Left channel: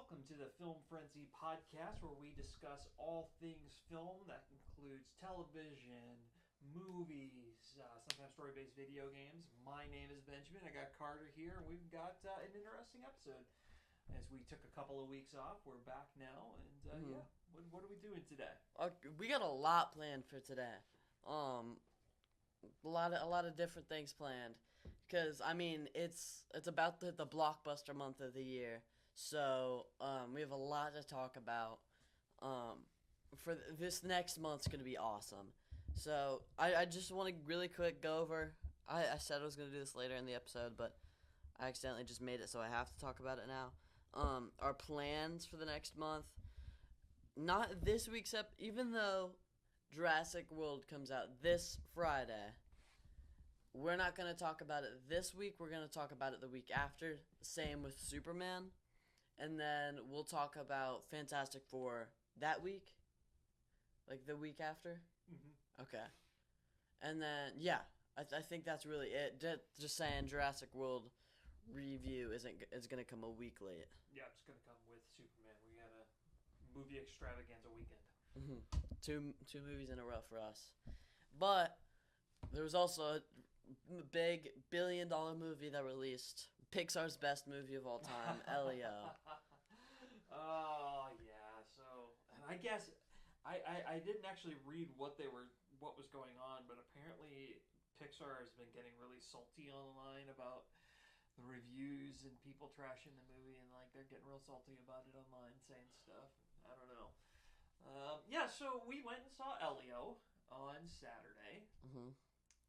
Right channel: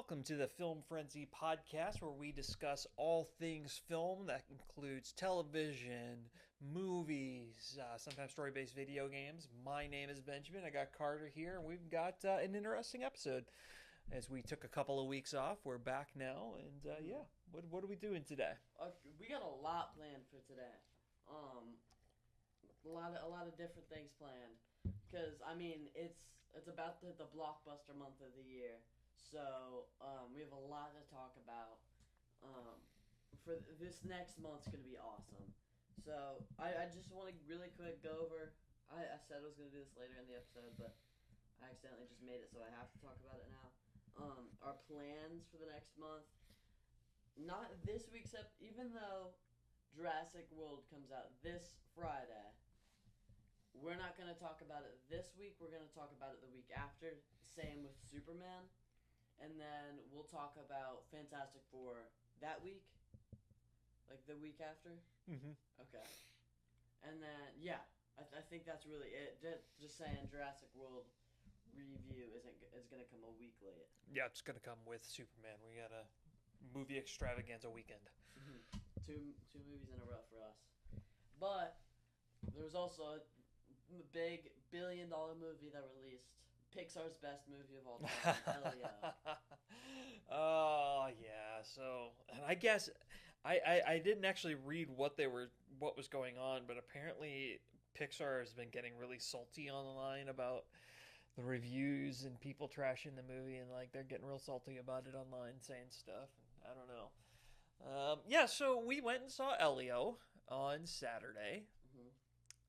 Welcome to the Film Frenzy podcast, where we discuss all things film. That includes television, movies, sometimes story-based video games. My name is Benjamin. I got Carter here, and we've got an interesting episode. As we took a couple of weeks off, we're back now, and what are we doing today? We got a lot planned for today. A lot of different things planned, because it's about the blockbuster month of the year. So we have a lot to talk about. For this next month's gonna be awesome. So I just want to really quick go over. I said I was gonna do this later in the episode, but I accidentally just made it, so I have to talk about it now. Our plans for the next month. Not this week's even though Jurassic World comes out this Friday. We're not going to talk about it this week. We're going to talk about it the week after. Same with Superman. And then we'll talk about Fantastic Four that week. Like the week after. Mm-hmm. Okay. And then, yeah, I think that's really it. Just saying Jurassic World review is going to come a week late. Yeah, it's going to come with Superman. We got a movie extravaganza weekend. Mm-hmm. Two movies in a row for us. But there was also a big billion-dollar movie that released. Pixar's best movie of all time, Elio. Oh, yeah. So, and I guess I didn't actually read what was going on, but apparently Pixar has been getting really salty online about the reviews and people trashing the movie, and like they're getting real salty about it online, saying stuff. I don't know. So we went and saw Elio on Saturday. Mm-hmm.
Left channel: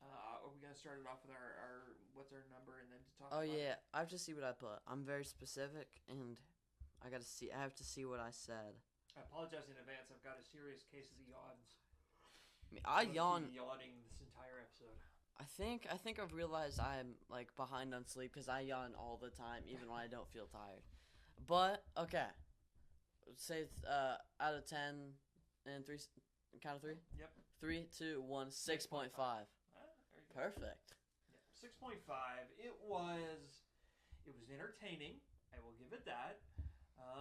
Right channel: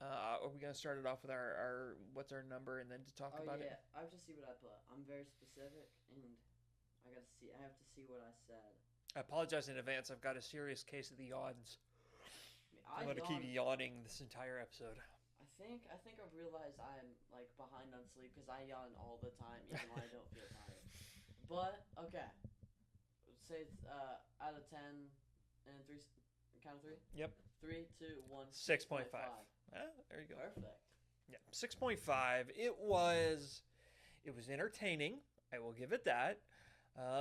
Are we gonna start it off with our what's our number and then to talk about it? Oh yeah, I have to see what I put. I'm very specific, and I have to see what I said. I apologize in advance. I've got a serious case of the yawns. I I'm yawn. keep yawning this entire episode. I think I've realized I'm like behind on sleep because I yawn all the time, even when I don't feel tired. But okay, say it's, out of 10 and three, count of three. Yep. 3, 2, 1, 6.5. 6.5. There you go. Perfect. Yeah, 6.5. It was entertaining. I will give it that.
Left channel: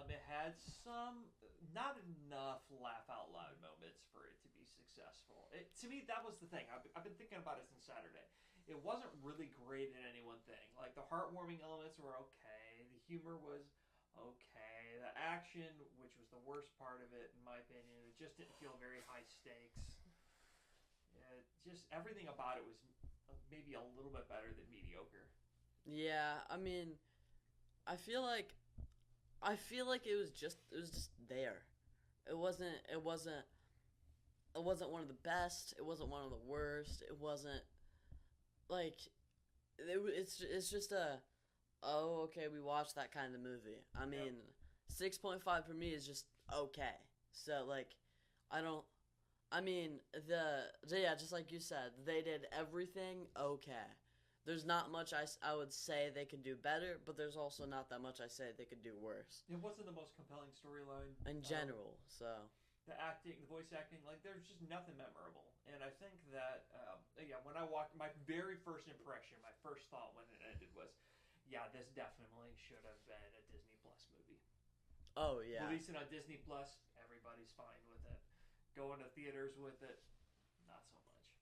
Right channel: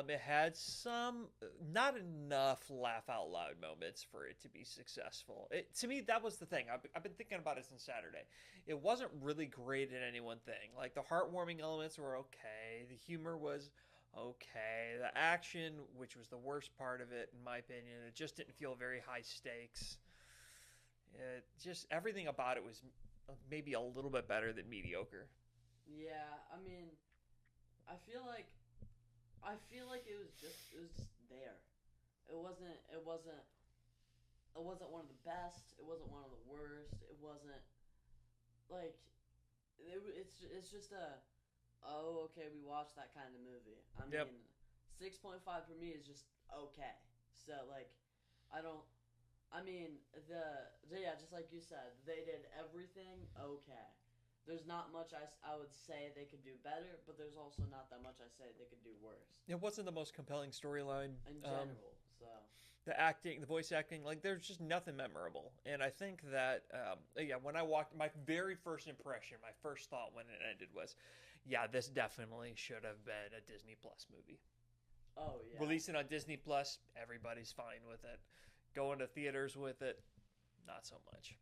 It had some, not enough laugh out loud moments for it to be successful. To me, that was the thing. I've been thinking about it since Saturday. It wasn't really great at any one thing. Like, the heartwarming elements were okay. The humor was okay. The action, which was the worst part of it, in my opinion, it just didn't feel very high stakes. Just everything about it was maybe a little bit better than mediocre. Yeah, I feel like it was just there. It wasn't one of the best. It wasn't one of the worst. It wasn't like it's just a okay, we watched that kind of movie. Yep. 6.5 for me is just okay. So like just like you said, they did everything okay. There's not much I would say they could do better, but there's also not that much I say they could do worse. It wasn't the most compelling storyline In general, so. The acting, the voice acting, like there's just nothing memorable. And I think that, when I walked, my very first impression, my first thought when it ended was, yeah, this definitely should have been a Disney Plus movie. Oh, yeah. Releasing on Disney Plus, everybody's fine with it. Going to theaters with it, not so much.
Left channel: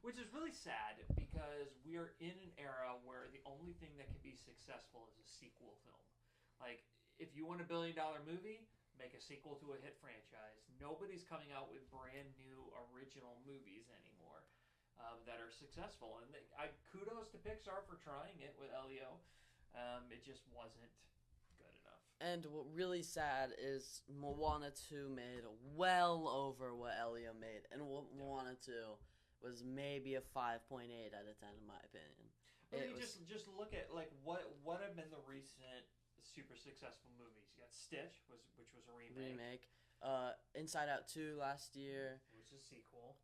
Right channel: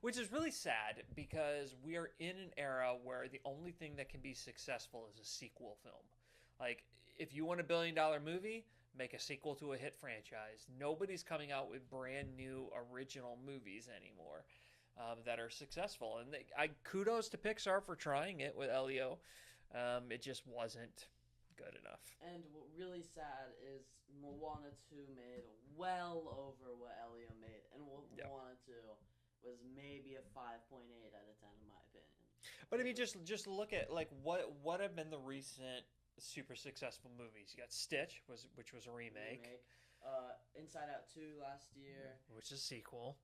Which is really sad because we are in an era where the only thing that can be successful is a sequel film. Like, if you want a $1 billion movie, make a sequel to a hit franchise. Nobody's coming out with brand new original movies anymore that are successful. And kudos to Pixar for trying it with Elio. It just wasn't good enough. And what really sad is Moana 2 made well over what Elio made. And Moana 2 was maybe a 5.8 out of 10 in my opinion. But just look at like what have been the recent super successful movies. You got Stitch, which was a remake. Inside Out 2 last year, which is a sequel.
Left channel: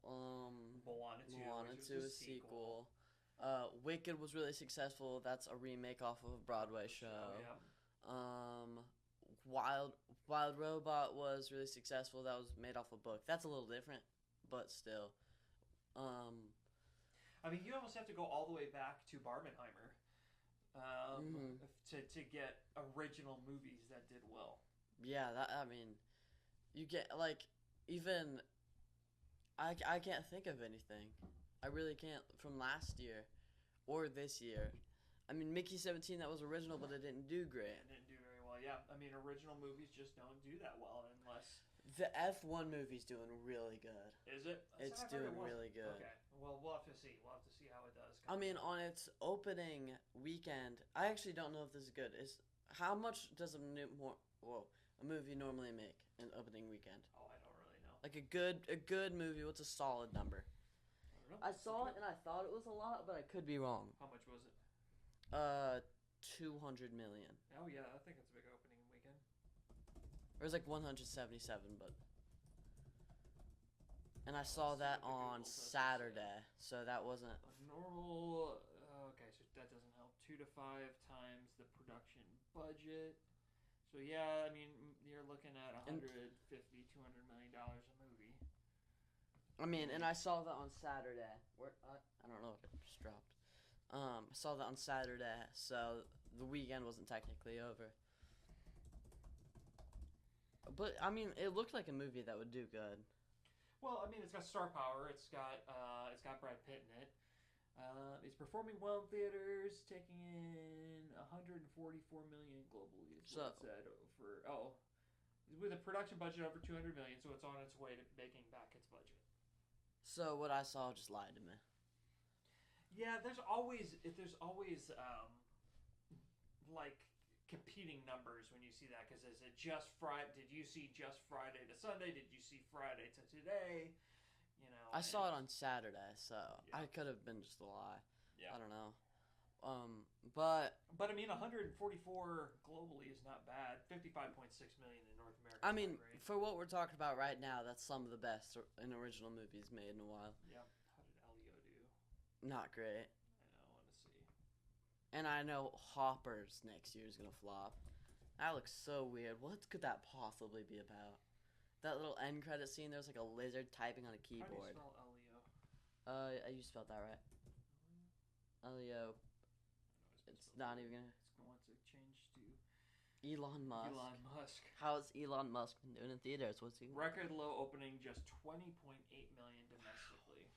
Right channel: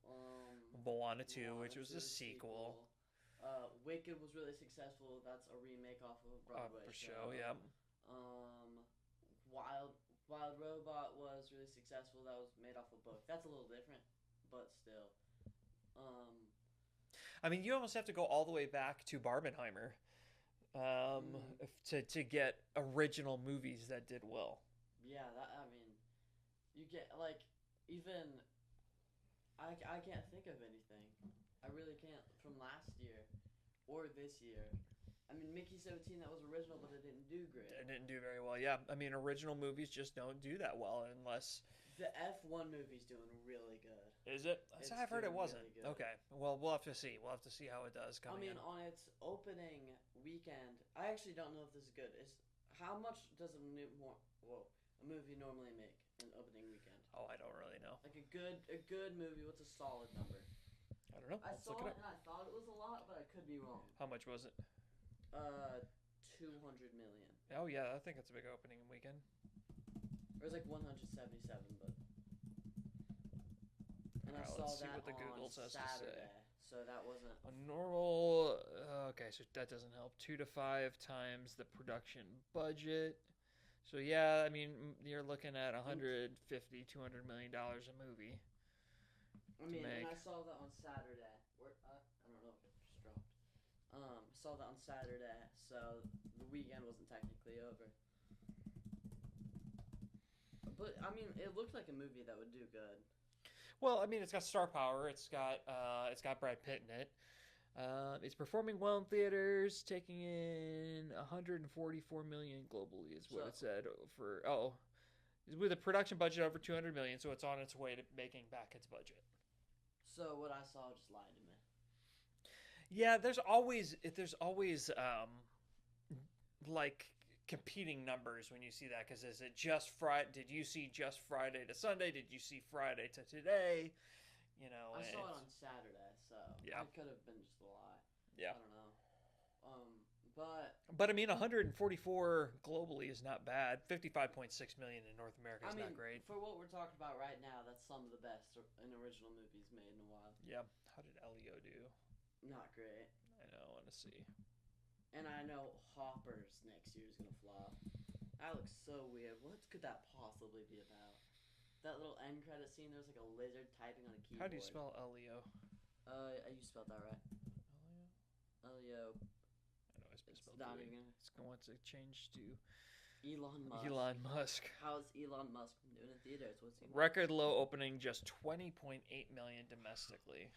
Moana 2, which was a sequel. Wicked was really successful. That's a remake off of a Broadway show. Yeah. Wild Robot was really successful. That was made off a book. That's a little different, but still. You almost have to go all the way back to Barbenheimer to get original movies that did well. Yeah, I mean, you get like even I can't think of anything. I really can't from last year or this year. I mean, Mickey 17, that was original, but it didn't do great. It didn't do very well. Yeah, I mean, original movies just don't do that well unless. The F1 movie's doing really good. Is it? It's I've heard it doing wasn't. really good. Okay. Well, we'll have to see. We'll have to see how it does. I mean, on its opening weekend, I actually don't know if this is good. Is how much does a movie normally make an opening weekend? Oh, I don't really know. Like a good movie. What's a solid number? I don't know. I saw it and I thought it was a lot, but I could be wrong. How much was it? 200 million. Oh yeah, I think it's a big opening weekend. It was like 177, but. And I Let's saw see that what the on Google says to Saturday, so that wasn't. A normal. Okay, so that doesn't help. 2 to 5 times the production budget. So yeah, I mean, you're looking at 150, $200 million a movie. I mean, and I saw that on Saturday. I don't know if it just dropped. I saw that on Saturday, so the weekend wasn't technically over. But I mean, it looked like a movie that would do good. Well, I mean, it's got star power. It's got Brad Pitt in it. It's performing well in theaters, taking in 144 million globally. Is what it said with a production budget over 200 million, so it's on its way to making back its budget. So what I saw just lied to me. Yeah, there's always like competing numbers when you see that, because is it just Friday? Did you see just Friday to Sunday? Did you see Friday to today? You know, I saw it on Saturday, so yeah. I could have been just a lie. Yeah, I don't know. But I mean, 144 globally is not bad. 55.6 million in North America is not great. For what we're talking about right now, that's some of the best in original movies made in a while. Yep. How did Elio do? Not great. I know. I want to see. And I know Hoppers next year is gonna flop. That looks so weird. What could that possibly be about? That little end credit scene, there's like a lizard typing on a keyboard. How do you spell Elio? You spelled that right. Elio. It's not even gonna. It's going to change to Elon Musk. Elon Musk. How's Elon Musk doing in theaters? What's he? Record low opening, just 20.8 million domestically.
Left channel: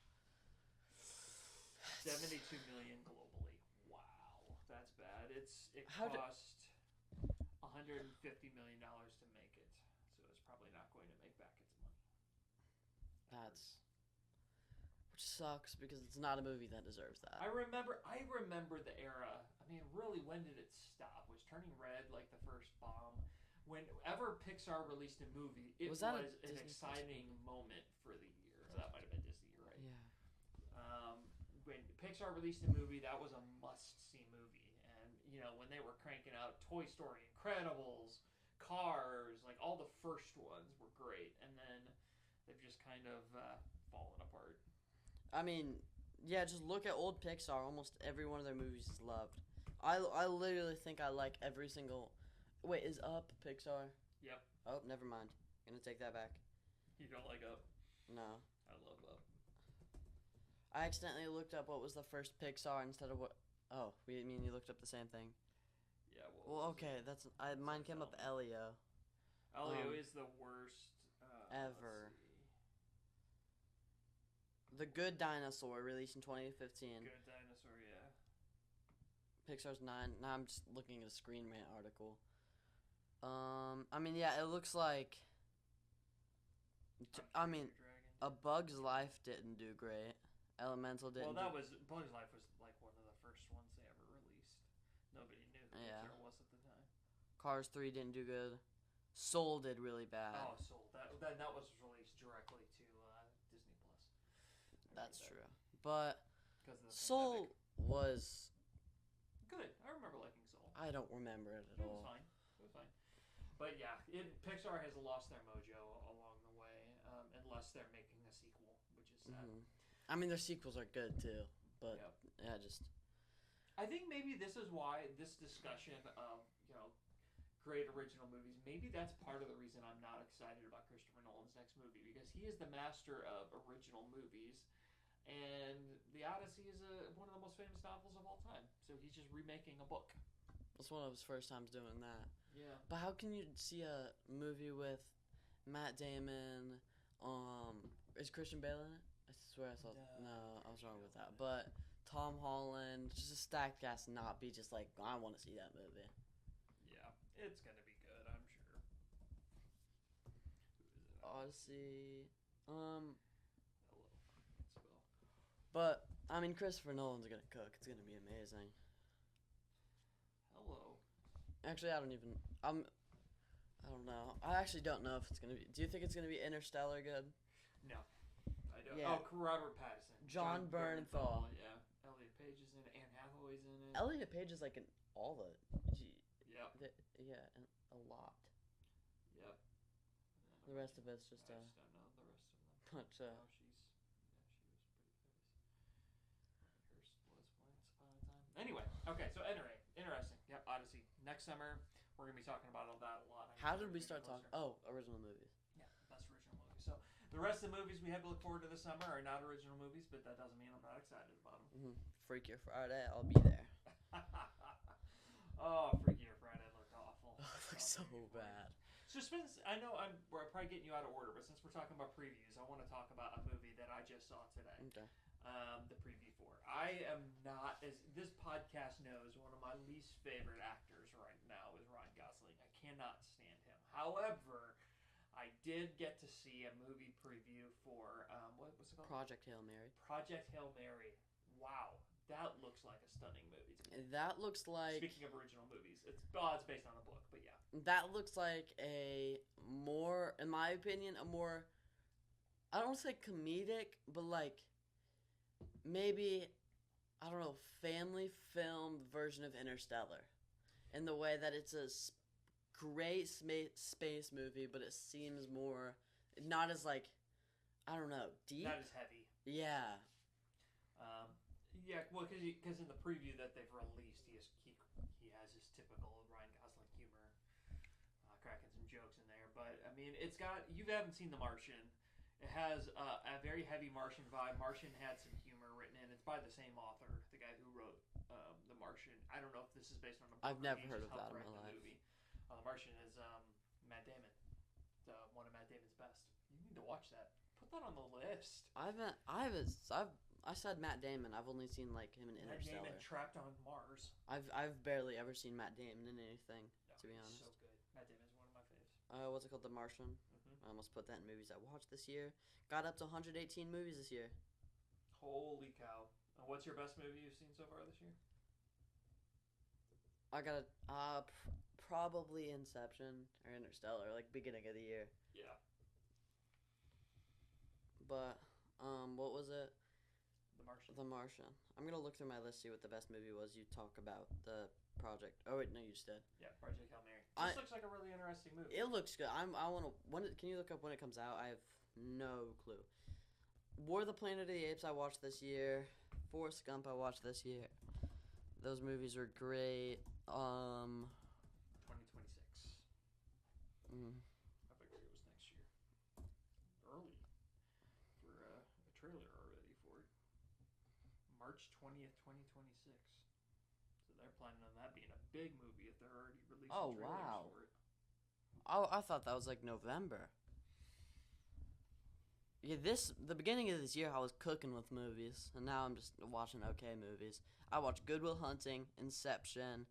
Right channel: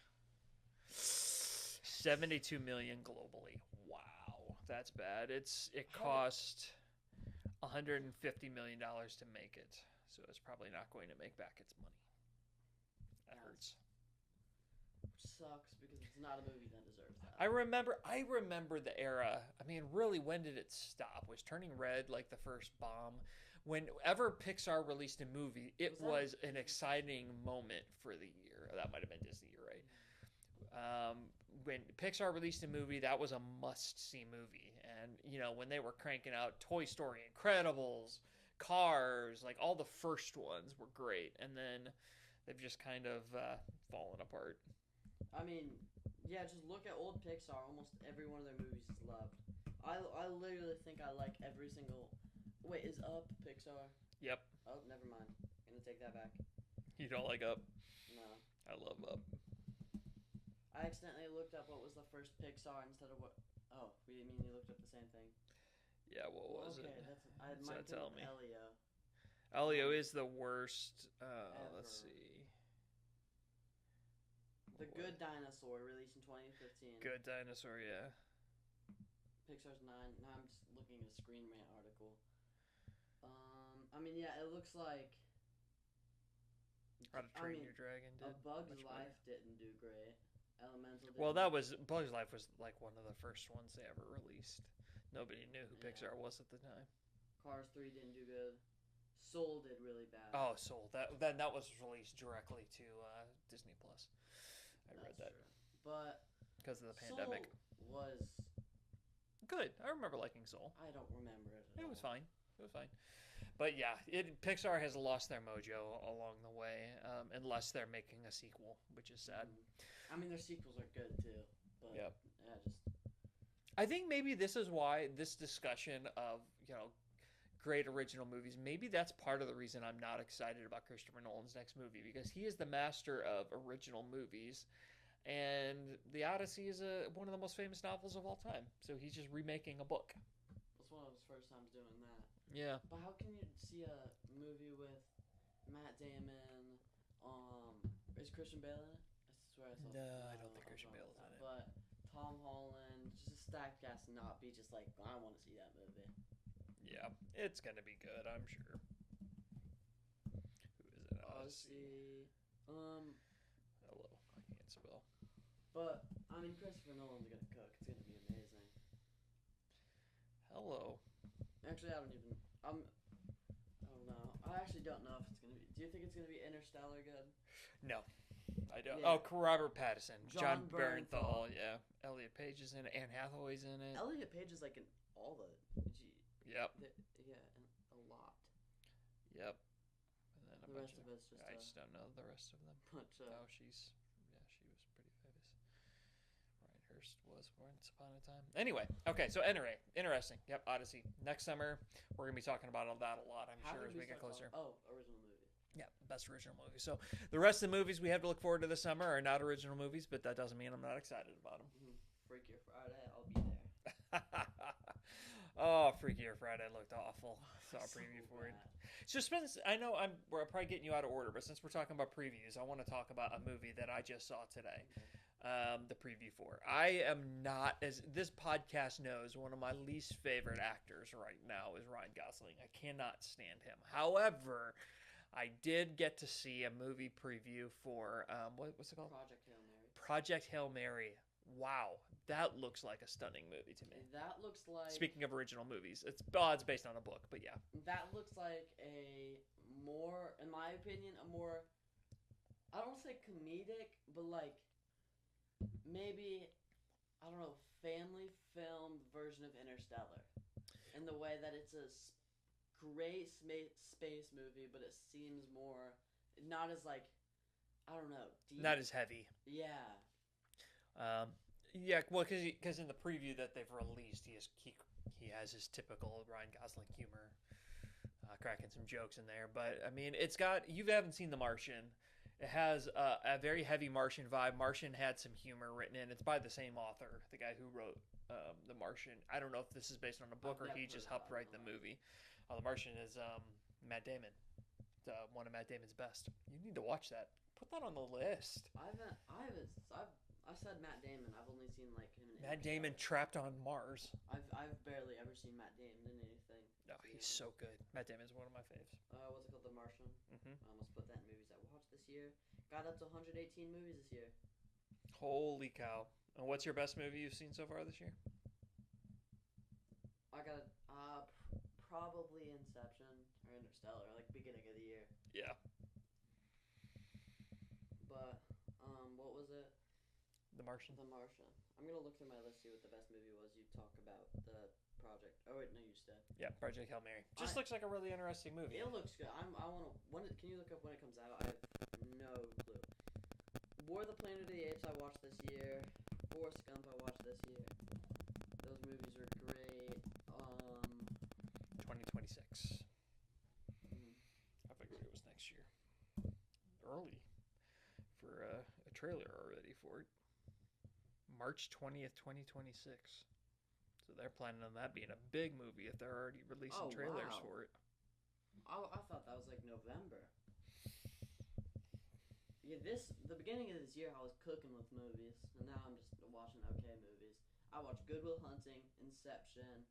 72 million globally. Wow, that's bad. It cost 150 million dollars to make it, so it's probably not going to make back its money. Which sucks because it's not a movie that deserves that. I remember the era. I mean, really, when did it stop? Was Turning Red like the first bomb? Whenever Pixar released a movie, it was an exciting moment for the year. That might have been Disney, you're right? Yeah. When Pixar released a movie, that was a must-see movie. And, you know, when they were cranking out Toy Story, Incredibles, Cars, like all the first ones were great. And then they've just kind of fallen apart. I mean, yeah, just look at old Pixar. Almost every one of their movies is loved. I literally think I like every single... Wait, is Up Pixar? Yep. Oh, never mind. Gonna take that back. You don't like Up? No. I love Up. I accidentally looked up what was the first Pixar instead of what... Oh, you mean you looked up the same thing? Yeah, okay, that's... mine came up Elio. Elio is the worst... ever. Let's see. The Good Dinosaur, released in 2015. Good Dinosaur, yeah. Pixar's 9. Now I'm just looking at a Screen Rant article. I mean, yeah, it looks like... A Bug's Life didn't do great. Elemental didn't. Well, Bug's Life was like one of the first ones they ever released. Nobody knew who Pixar was at the time. Cars 3 didn't do good. Soul did really bad. Oh, Soul. That was released directly to Disney Plus. That's true. But because of the Soul pandemic. was good. I remember liking Soul. I don't remember it at all. It was fine. But yeah, Pixar has lost their mojo along the way, unless they're making a sequel, which is sad. I mean, their sequels are good too, but I think maybe this is why this discussion of, you know, great original movies, maybe that's part of the reason I'm not excited about Christopher Nolan's next movie, because he is the master of original movies, and The Odyssey is one of the most famous novels of all time, so he's just remaking a book. It's one of his first times doing that. Yeah. But how can you see a movie with Matt Damon? Is Christian Bale in it? I swear I saw. No, No, I don't think I was Christian wrong Bale's with that. in it. But Tom Holland, just a stacked cast, not be just like I want to see that movie. Yeah, it's gonna be good, I'm sure. Who is it? Odyssey. Hello, it's Bill. But I mean, Christopher Nolan's gonna cook. It's gonna be amazing. Hello. Actually, I don't even. I don't know. I actually don't know if it's gonna be. Do you think it's gonna be Interstellar good? No, I don't. Yeah. Oh, Robert Pattinson, John Bernthal. Yeah, Elliot Page is in it. Anne Hathaway's in it. Elliot Page is like in all the. Yep. Yeah, and a lot. Yep. And then The rest of it's just. I just don't know the rest of them. But Oh, she was pretty famous. Ryan Hurst was once upon a time. Anyway, okay, so interesting. Yep, Odyssey. Next summer, we're gonna be talking about all that a lot. I'm how sure did as we get start closer. talking? Oh, original movies. Yeah, best original movie. So the rest of the movies we have to look forward to this summer are not original movies, but that doesn't mean I'm not excited about them. Freakier Friday, I'll be there. Oh, Freakier Friday looked awful. So preview for it. bad. Suspense. I know we're probably getting you out of order, but since we're talking about previews, I want to talk about a movie that I just saw today. Okay. The preview for. I am not, as this podcast knows, one of my least favorite actors right now is Ryan Gosling. I cannot stand him. However, I did get to see a movie preview for what's it called? Project Hail Mary. Project Hail Mary. Wow, that looks like a stunning movie to me. That looks like. Speaking of original movies, it's based on a book, but yeah. That looks like a more, in my opinion, a more. I don't say comedic, but like maybe, I don't know, family film version of Interstellar, in the way that it's a great space movie, but it seems more not as like, I don't know, deep. Not as heavy. Yeah. Yeah, well, because in the preview that they've released, he has his typical Ryan Gosling humor, cracking some jokes in there. But I mean, you haven't seen The Martian. It has a very heavy Martian vibe. Martian had some humor written in. It's by the same author, the guy who wrote The Martian. I don't know if this is based on a book or he just helped write the movie. The Martian is Matt Damon. It's one of Matt Damon's best. You need to watch that. Put that on the list. I said Matt Damon. I've only seen like him in Matt Interstellar. Damon trapped on Mars. I've barely ever seen Matt Damon in anything. No, he's so good. Matt Damon's one of my faves. What's it called? The Martian. Mm-hmm. I almost put that in movies I watched this year. Got up to 118 movies this year. Holy cow! And what's your best movie you've seen so far this year? I got probably Inception or Interstellar, like beginning of the year. Yeah. But what was it? The Martian. The Martian. I'm gonna look through my list, see what the best movie was. You talk about the project. Oh wait, no, you just did. Yeah, Project Hail Mary. Just looks like a really interesting movie. It looks good. I want to. Can you look up when it comes out? I have no clue. War of the Planet of the Apes I watched this year. Forrest Gump I watched this year. Those movies are great. 2026. I figured it was next year. Early for a trailer already for it. March 20th, 2026. So they're planning on that being a big movie if they're already releasing trailers for it. Oh, I thought that was like November. Yeah, the beginning of this year I was cooking with movies, and now I'm just watching okay movies. I watched Good Will Hunting, Inception,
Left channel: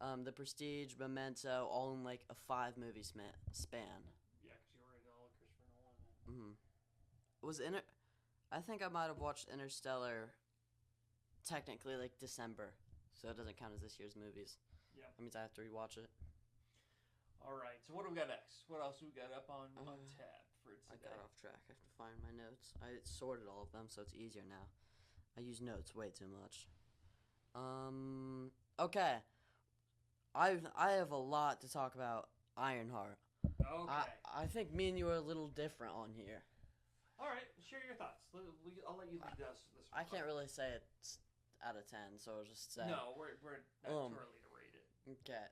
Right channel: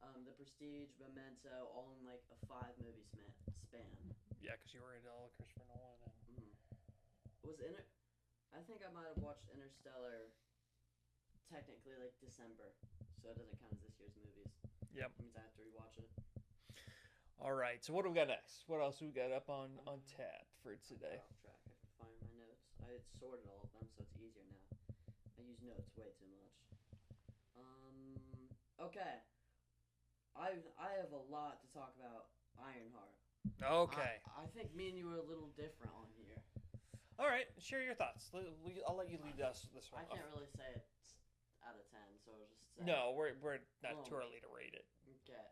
The Prestige, Memento, all in like a 5-movie span. Yeah, because you were into all of Christopher Nolan. I think I might have watched Interstellar technically like December, so it doesn't count as this year's movies. Yep. That means I have to rewatch it. All right, so what do we got next? What else do we got up on tap for today? I got off track. I have to find my notes. I sorted all of them, so it's easier now. I use notes way too much. Okay. I have a lot to talk about IronHeart. Okay. I think me and you are a little different on here. All right, share your thoughts. I'll let you lead us this one. I can't really say it's out of 10, so I'll just say. No, we're not too early to rate it. Okay.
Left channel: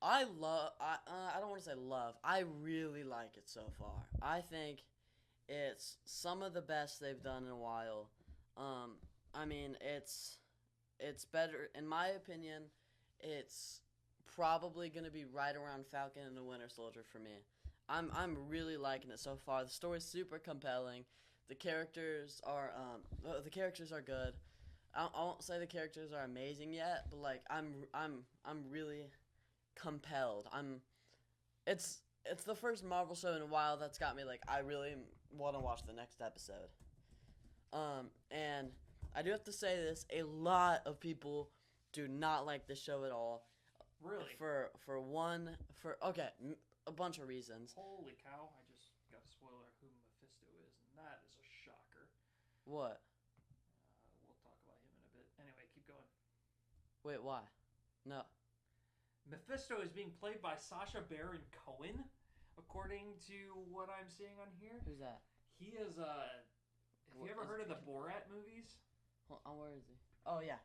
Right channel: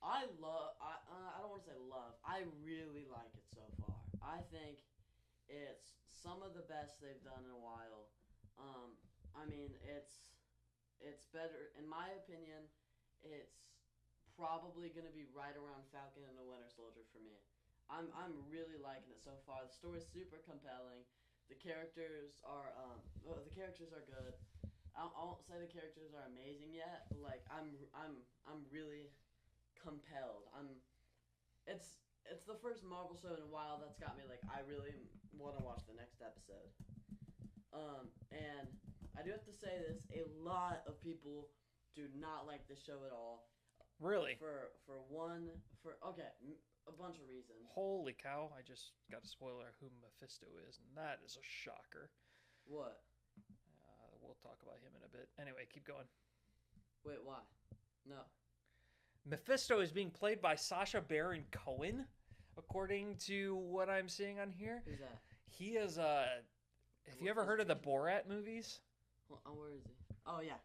I don't want to say love. I really like it so far. I think it's some of the best they've done in a while. I mean, it's better in my opinion. It's probably gonna be right around Falcon and the Winter Soldier for me. I'm really liking it so far. The story's super compelling. The characters are good. I won't say the characters are amazing yet, but like I'm really compelled. It's the first Marvel show in a while that's got me like I really want to watch the next episode. And I do have to say this: a lot of people do not like the show at all. Really? For a bunch of reasons. Holy cow! I just got a spoiler who Mephisto is, and that is a shocker. What? We'll talk about him in a bit. Anyway, keep going. Wait, why? No. Mephisto is being played by Sacha Baron Cohen, according to what I'm seeing on here. Who's that? He is have you ever heard of the Borat movies? Hold on, where is he? Oh yeah.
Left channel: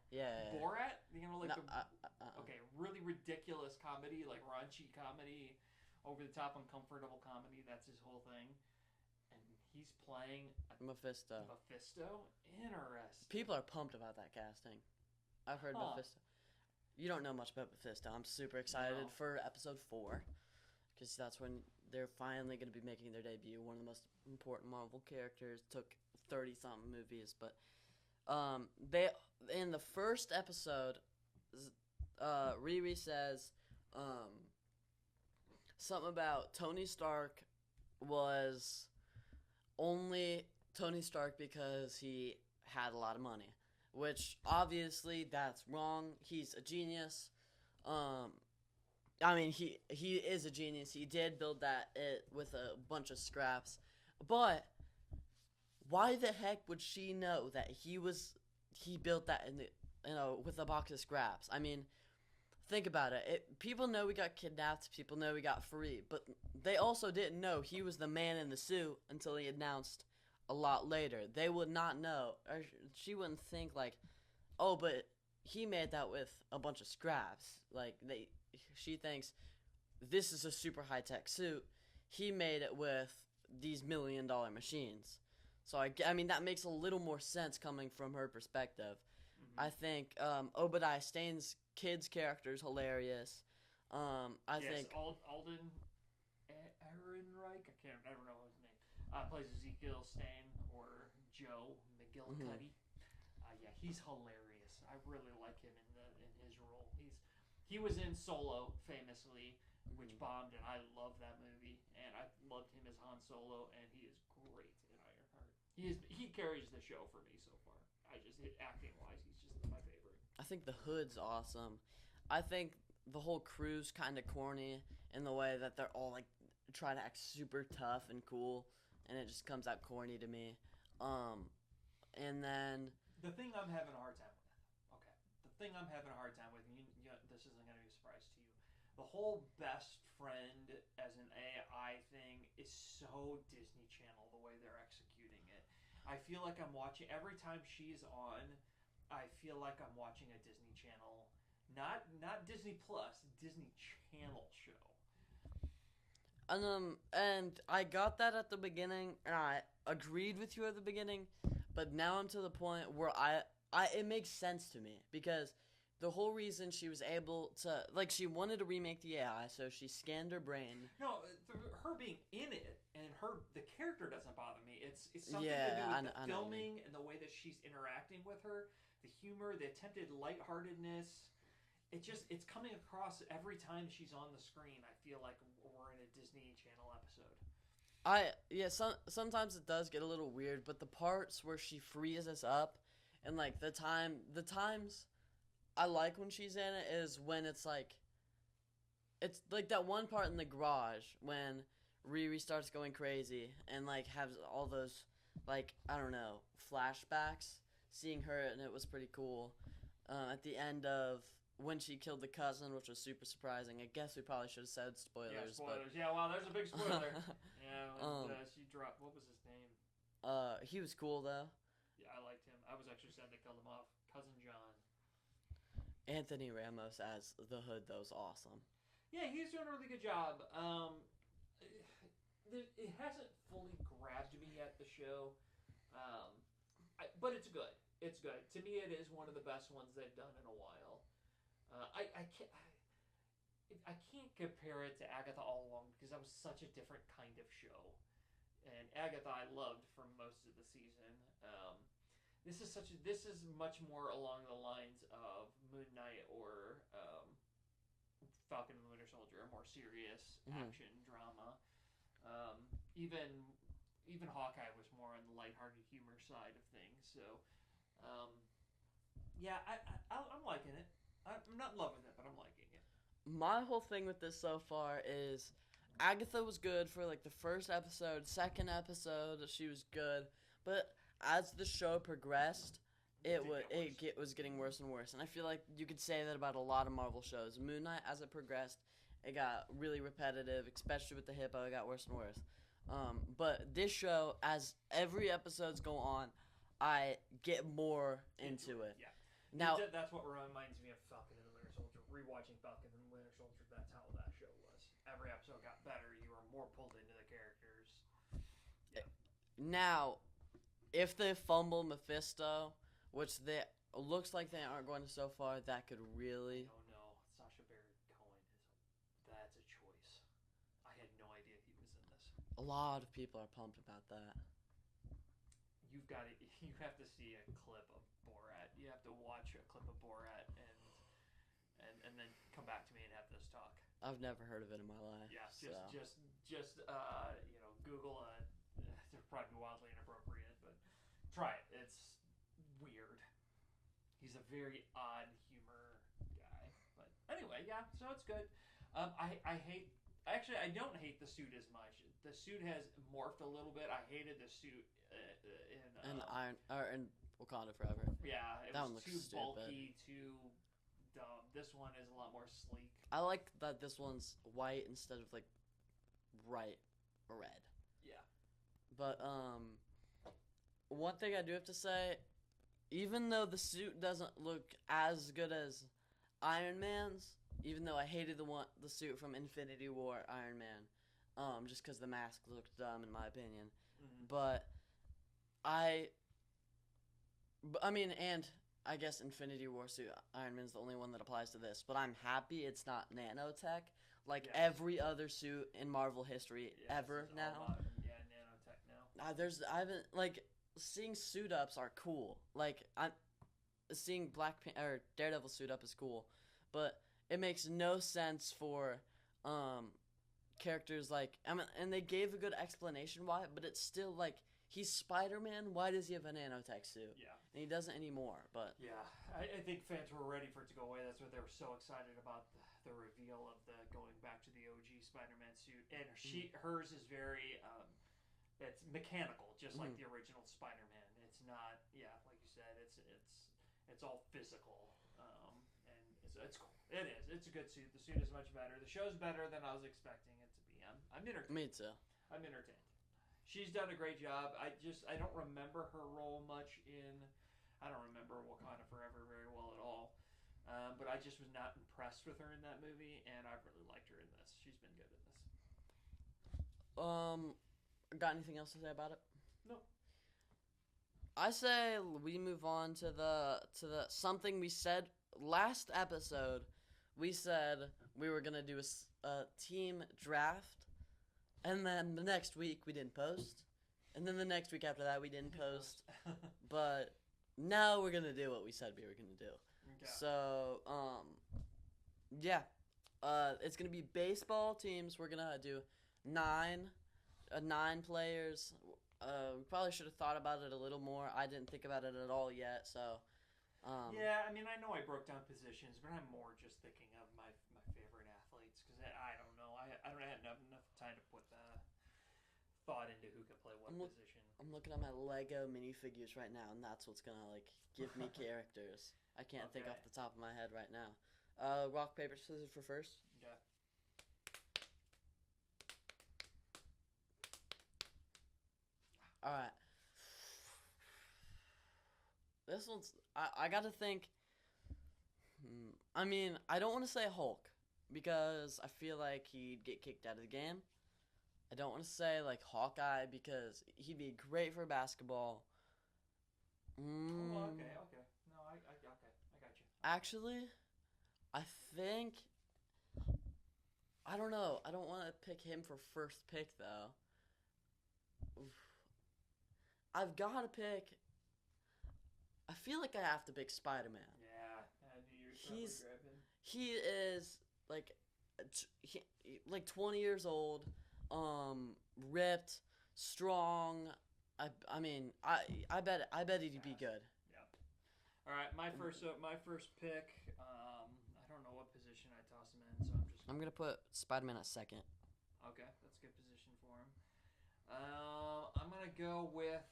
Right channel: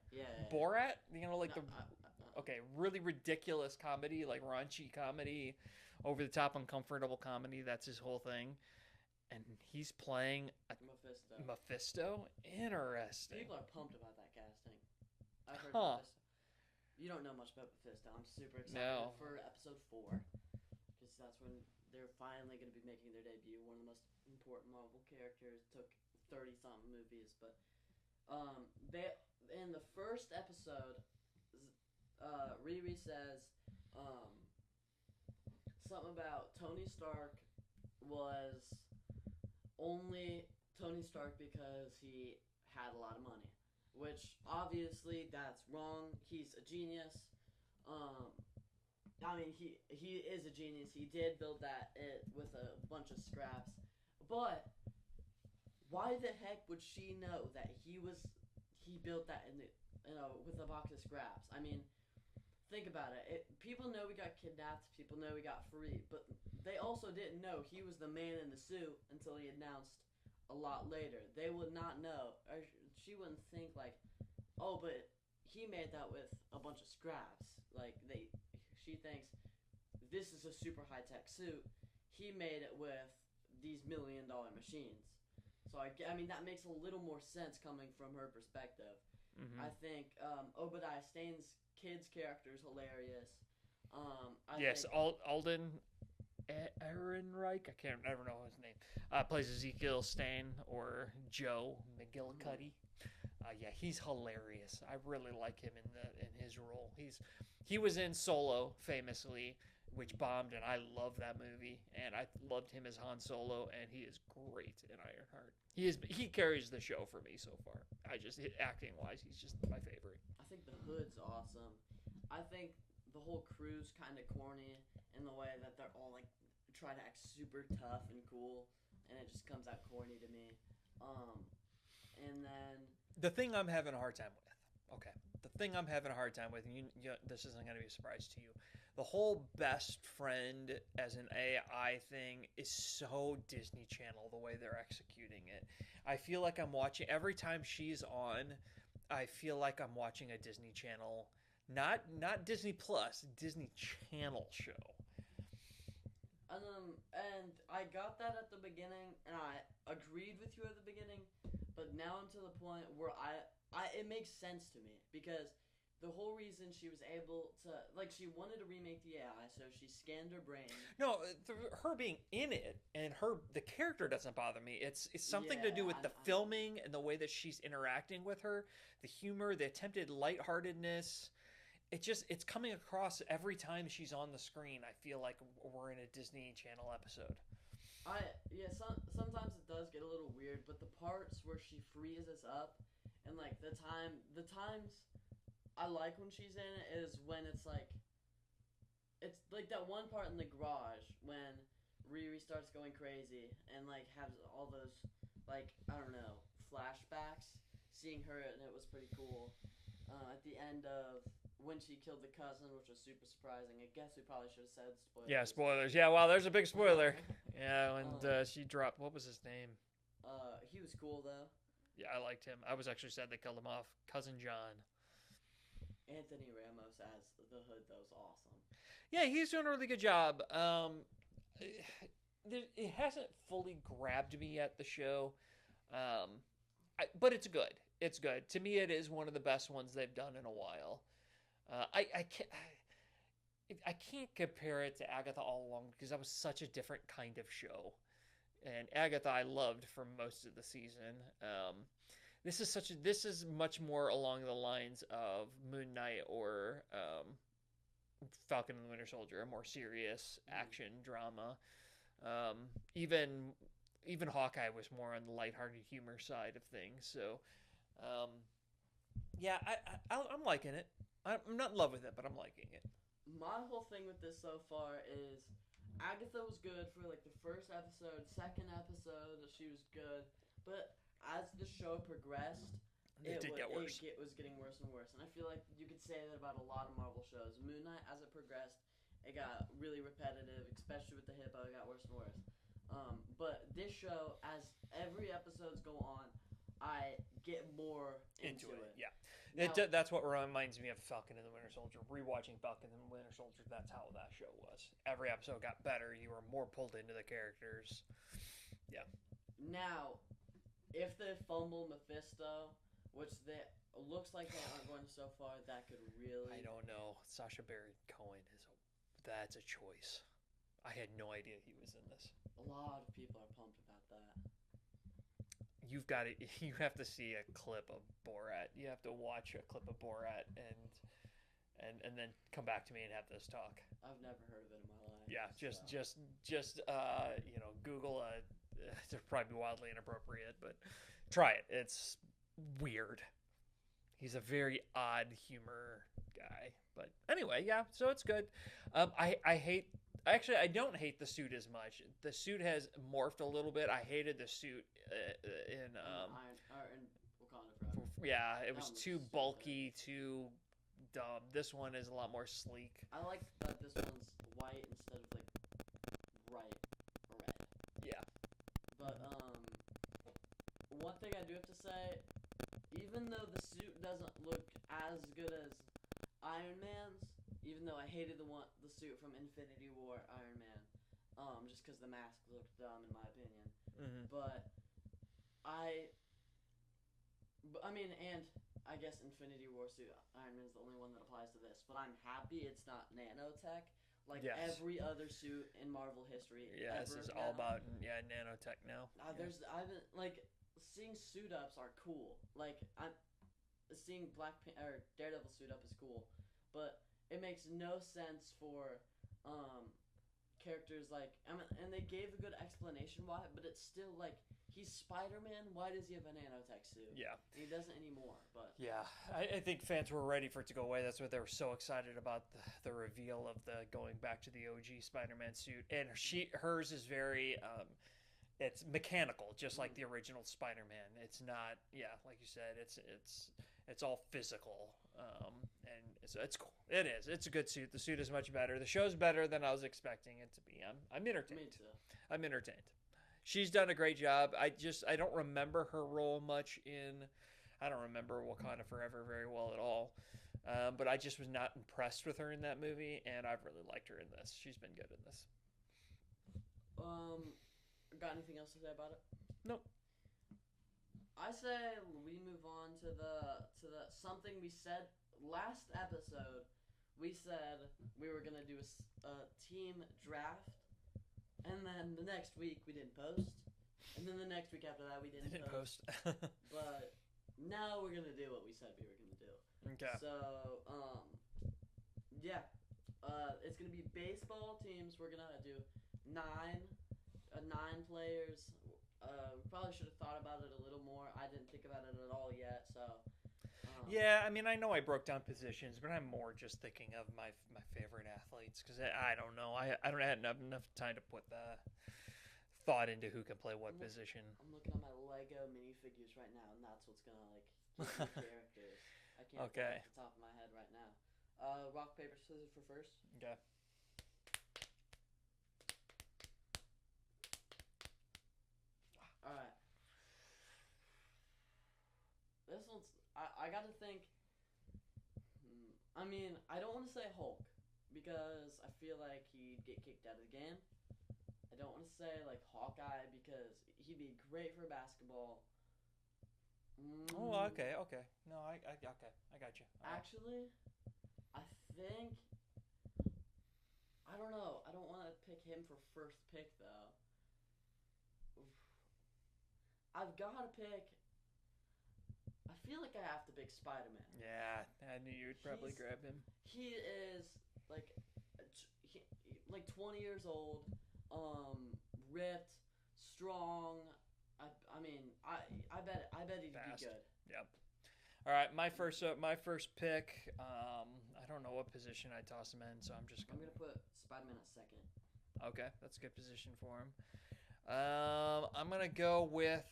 Borat? You know, like no, okay, really ridiculous comedy, like raunchy comedy, over the top, uncomfortable comedy. That's his whole thing. And he's playing Mephisto. Interesting. People are pumped about that casting. I heard Mephisto. You don't know much about Mephisto. I'm super excited for episode 4 because that's when they're finally going to be making their debut. One of the most important Marvel characters. Took 30-something movies, but they in the first episode, Riri says something about Tony Stark was only Tony Stark because he had a lot of money, which obviously that's wrong. He's a genius. I mean, he is a genius. He did build that with a bunch of scraps, but why the heck would she know that he built that with a box of scraps? I mean, think about it. People know we got kidnapped. People know we got free, but they also didn't know he was the man in the suit until he announced a lot later. They would not know. Or she wouldn't think like, oh, but he made that with a bunch of scraps. Like she thinks this is a super high tech suit. He made it with these $1 million machines. So I mean that makes a little more sense coming from her perspective. Mm-hmm. I think Obadiah Stane's kid's character is hilarious. I think Alden Ehrenreich. I never know his name. Plays Ezekiel Stane or Joe McGillicuddy. Mm-hmm. Yeah, he's hilarious. I really like him in his role. He was in Solo famously, which bombed, and I love that movie. And I loved him as Han Solo, and he is great in IronHeart. He carries the show for me so far. Acting wise, he's just my favorite. I think the Hood's awesome. I think the whole crew's kind of corny in the way that they're all like trying to act super tough and cool, and it just comes out corny to me. And then the thing I'm having a hard time with. Okay, the thing I'm having a hard time with, and this isn't going to be a surprise to you. The whole best friend as an AI thing is so Disney Channel, the way they're executing it. I feel like I'm watching, every time she's on, I feel like I'm watching a Disney Channel, not Disney Plus, Disney Channel show. And I got that at the beginning, and I agreed with you at the beginning, but now I'm to the point where it makes sense to me, because the whole reason she was able to, like, she wanted to remake the AI, so she scanned her brain. No, her being in it and the character doesn't bother me. It's something to do with the filming and the way that she's interacting with her, the humor, the attempted lightheartedness. It's coming across every time she's on the screen. I feel like we're in a Disney Channel episode. Sometimes it does get a little weird, but the parts where she frees us up, and like the times I like when she's in it is when it's like that one part in the garage when Riri starts going crazy and like has all those, like, I don't know, flashbacks, seeing her, and it was pretty cool. At the end of when she killed the cousin, which was super surprising. I guess we probably should have said spoilers. Yeah, spoilers. Yeah, wow, there's a big spoiler. Yeah, when she dropped, what was his name? He was cool though. Yeah, I liked him. I was actually sad they killed him off. Cousin John. Anthony Ramos as the Hood, though, is awesome. Yeah, he's doing a really good job. It hasn't fully grabbed me yet, the show, but it's good. It's good. To me, it is one of the best ones they've done in a while. I can't compare it to Agatha All Along because that was such a different kind of show. And Agatha I loved for most of the season. This is much more along the lines of Moon Knight or Falcon and the Winter Soldier, a more serious action drama. Even Hawkeye was more on the lighthearted humor side of things. So, yeah, I'm liking it. I'm not in love with it, but I'm liking it. My whole thing with this so far is Agatha was good for like the first episode, second episode she was good, but as the show progressed, it was getting worse and worse. And I feel like you could say that about a lot of Marvel shows. Moon Knight, as it progressed, it got really repetitive, especially with the hippo. It got worse and worse. But this show, as every episodes go on, I get more into it. Yeah. Now, that's what reminds me of Falcon and the Winter Soldier. Rewatching Falcon and the Winter Soldier, that's how that show was. Every episode got better. You were more pulled into the characters. Yeah. Now, if they fumble Mephisto, which they looks like they aren't going to so far, that could really... I don't know. Sacha Baron Cohen that's a choice. I had no idea he was in this. A lot of people are pumped about that. You have to see a clip of Borat. You have to watch a clip of Borat and then come back to me and have this talk. I've never heard of it in my life. Yeah, just Google it's probably wildly inappropriate, but try it. It's weird. He's a very odd humor guy. But anyway, yeah, so it's good. I don't hate the suit as much. The suit has morphed a little bit. I hated the suit in Wakanda Forever. Yeah, it was too bulky, too dumb. This one is a lot more sleek. I like that this one's white instead of like bright red. Yeah. But one thing I do have to say, even though the suit doesn't look as good as Iron Man's, even though I hated the suit from Infinity War Iron Man, just because the mask looked dumb in my opinion. Mm-hmm. But and I guess Infinity War suit Iron Man's the only one that applies to this. But I'm happy it's not nanotech like every other suit in Marvel history ever. This is all about nanotech now. I haven't seeing suit ups are cool. Like seeing Daredevil suit up is cool, but it makes no sense for characters and they gave a good explanation why, but it's still like he's Spider-Man. Why does he have a nanotech suit? Yeah, and he doesn't anymore. But yeah, I think fans were ready for it to go away. That's what they were so excited about the reveal of the going back to the OG Spider-Man suit, and hers is very it's mechanical, just like the original Spider-Man. It's not, like you said, it's all physical, and it's cool. It is. It's a good suit. The suit is much better. The show's better than I was expecting it to be. I'm entertained. Me too. I'm entertained. She's done a great job. I don't remember her role much in. I don't remember Wakanda Forever very well at all. But I just was not impressed with her in that movie, and I've really liked her in this. She's been good in this. Got anything else to say about it? No. I say we move on to the something we said last episode. We said we were gonna do a team draft, and then the next week we didn't post, and then the next week after that we didn't post. But now we're gonna do what we said we were gonna do. Okay. So it's gonna be baseball teams. We're gonna do 9 players. We probably should have thought about it a little more. I didn't think about it at all yet, so... I mean, I know I broke down positions, but I'm more just thinking of my favorite athletes, because I don't know. I don't have enough time to put the thought into who can play what position. I'm looking at my Lego minifigures right now, and that's what's going to, give me characters. I can't think off the top of my head right now. Rock, paper, scissors for first. Okay. All right. This one's... I got to think... I mean, I don't want to say Hulk, because I feel like he'd get kicked out of the game. I don't want to say, Hawkeye, because he'd be great for basketball. Oh, okay. No, I got you. Actually, I think I don't know. I don't want to pick him for first pick though. Oof. I've got to pick. I feel like I have to pick Spider-Man. Yeah, I knew you'd probably grab him. He is like, like 20 years old, ripped, strong. I mean, I bet he'd be good. Yep. All right, my first pick. I don't know what position I toss him in, so I'm gonna put Spider-Man at second. Okay, that's a good position for him. I'm gonna go with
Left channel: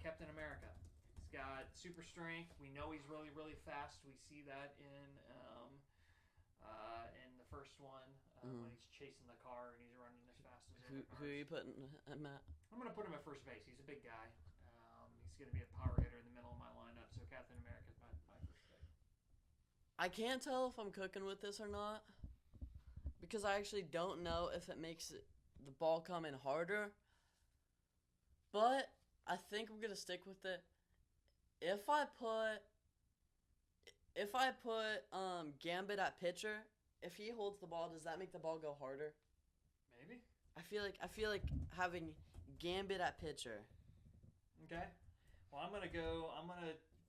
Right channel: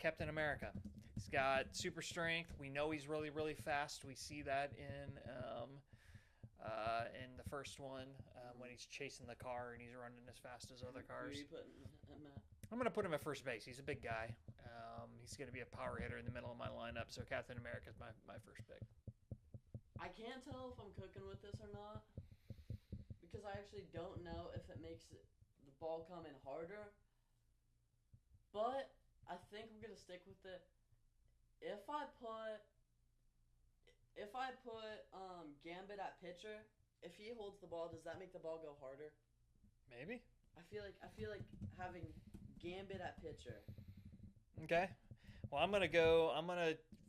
Captain America. He's got super strength. We know he's really, really fast. We see that in the first one when he's chasing the car and he's running as fast as other cars. Who are you putting at Matt? I'm gonna put him at first base. He's a big guy. He's gonna be a power hitter in the middle of my lineup. So Captain America is my first pick. I can't tell if I'm cooking with this or not because I actually don't know if it makes the ball come in harder. But I think I'm gonna stick with it. If I put Gambit at pitcher, if he holds the ball, does that make the ball go harder? Maybe. I feel like having Gambit at pitcher. Okay. Well,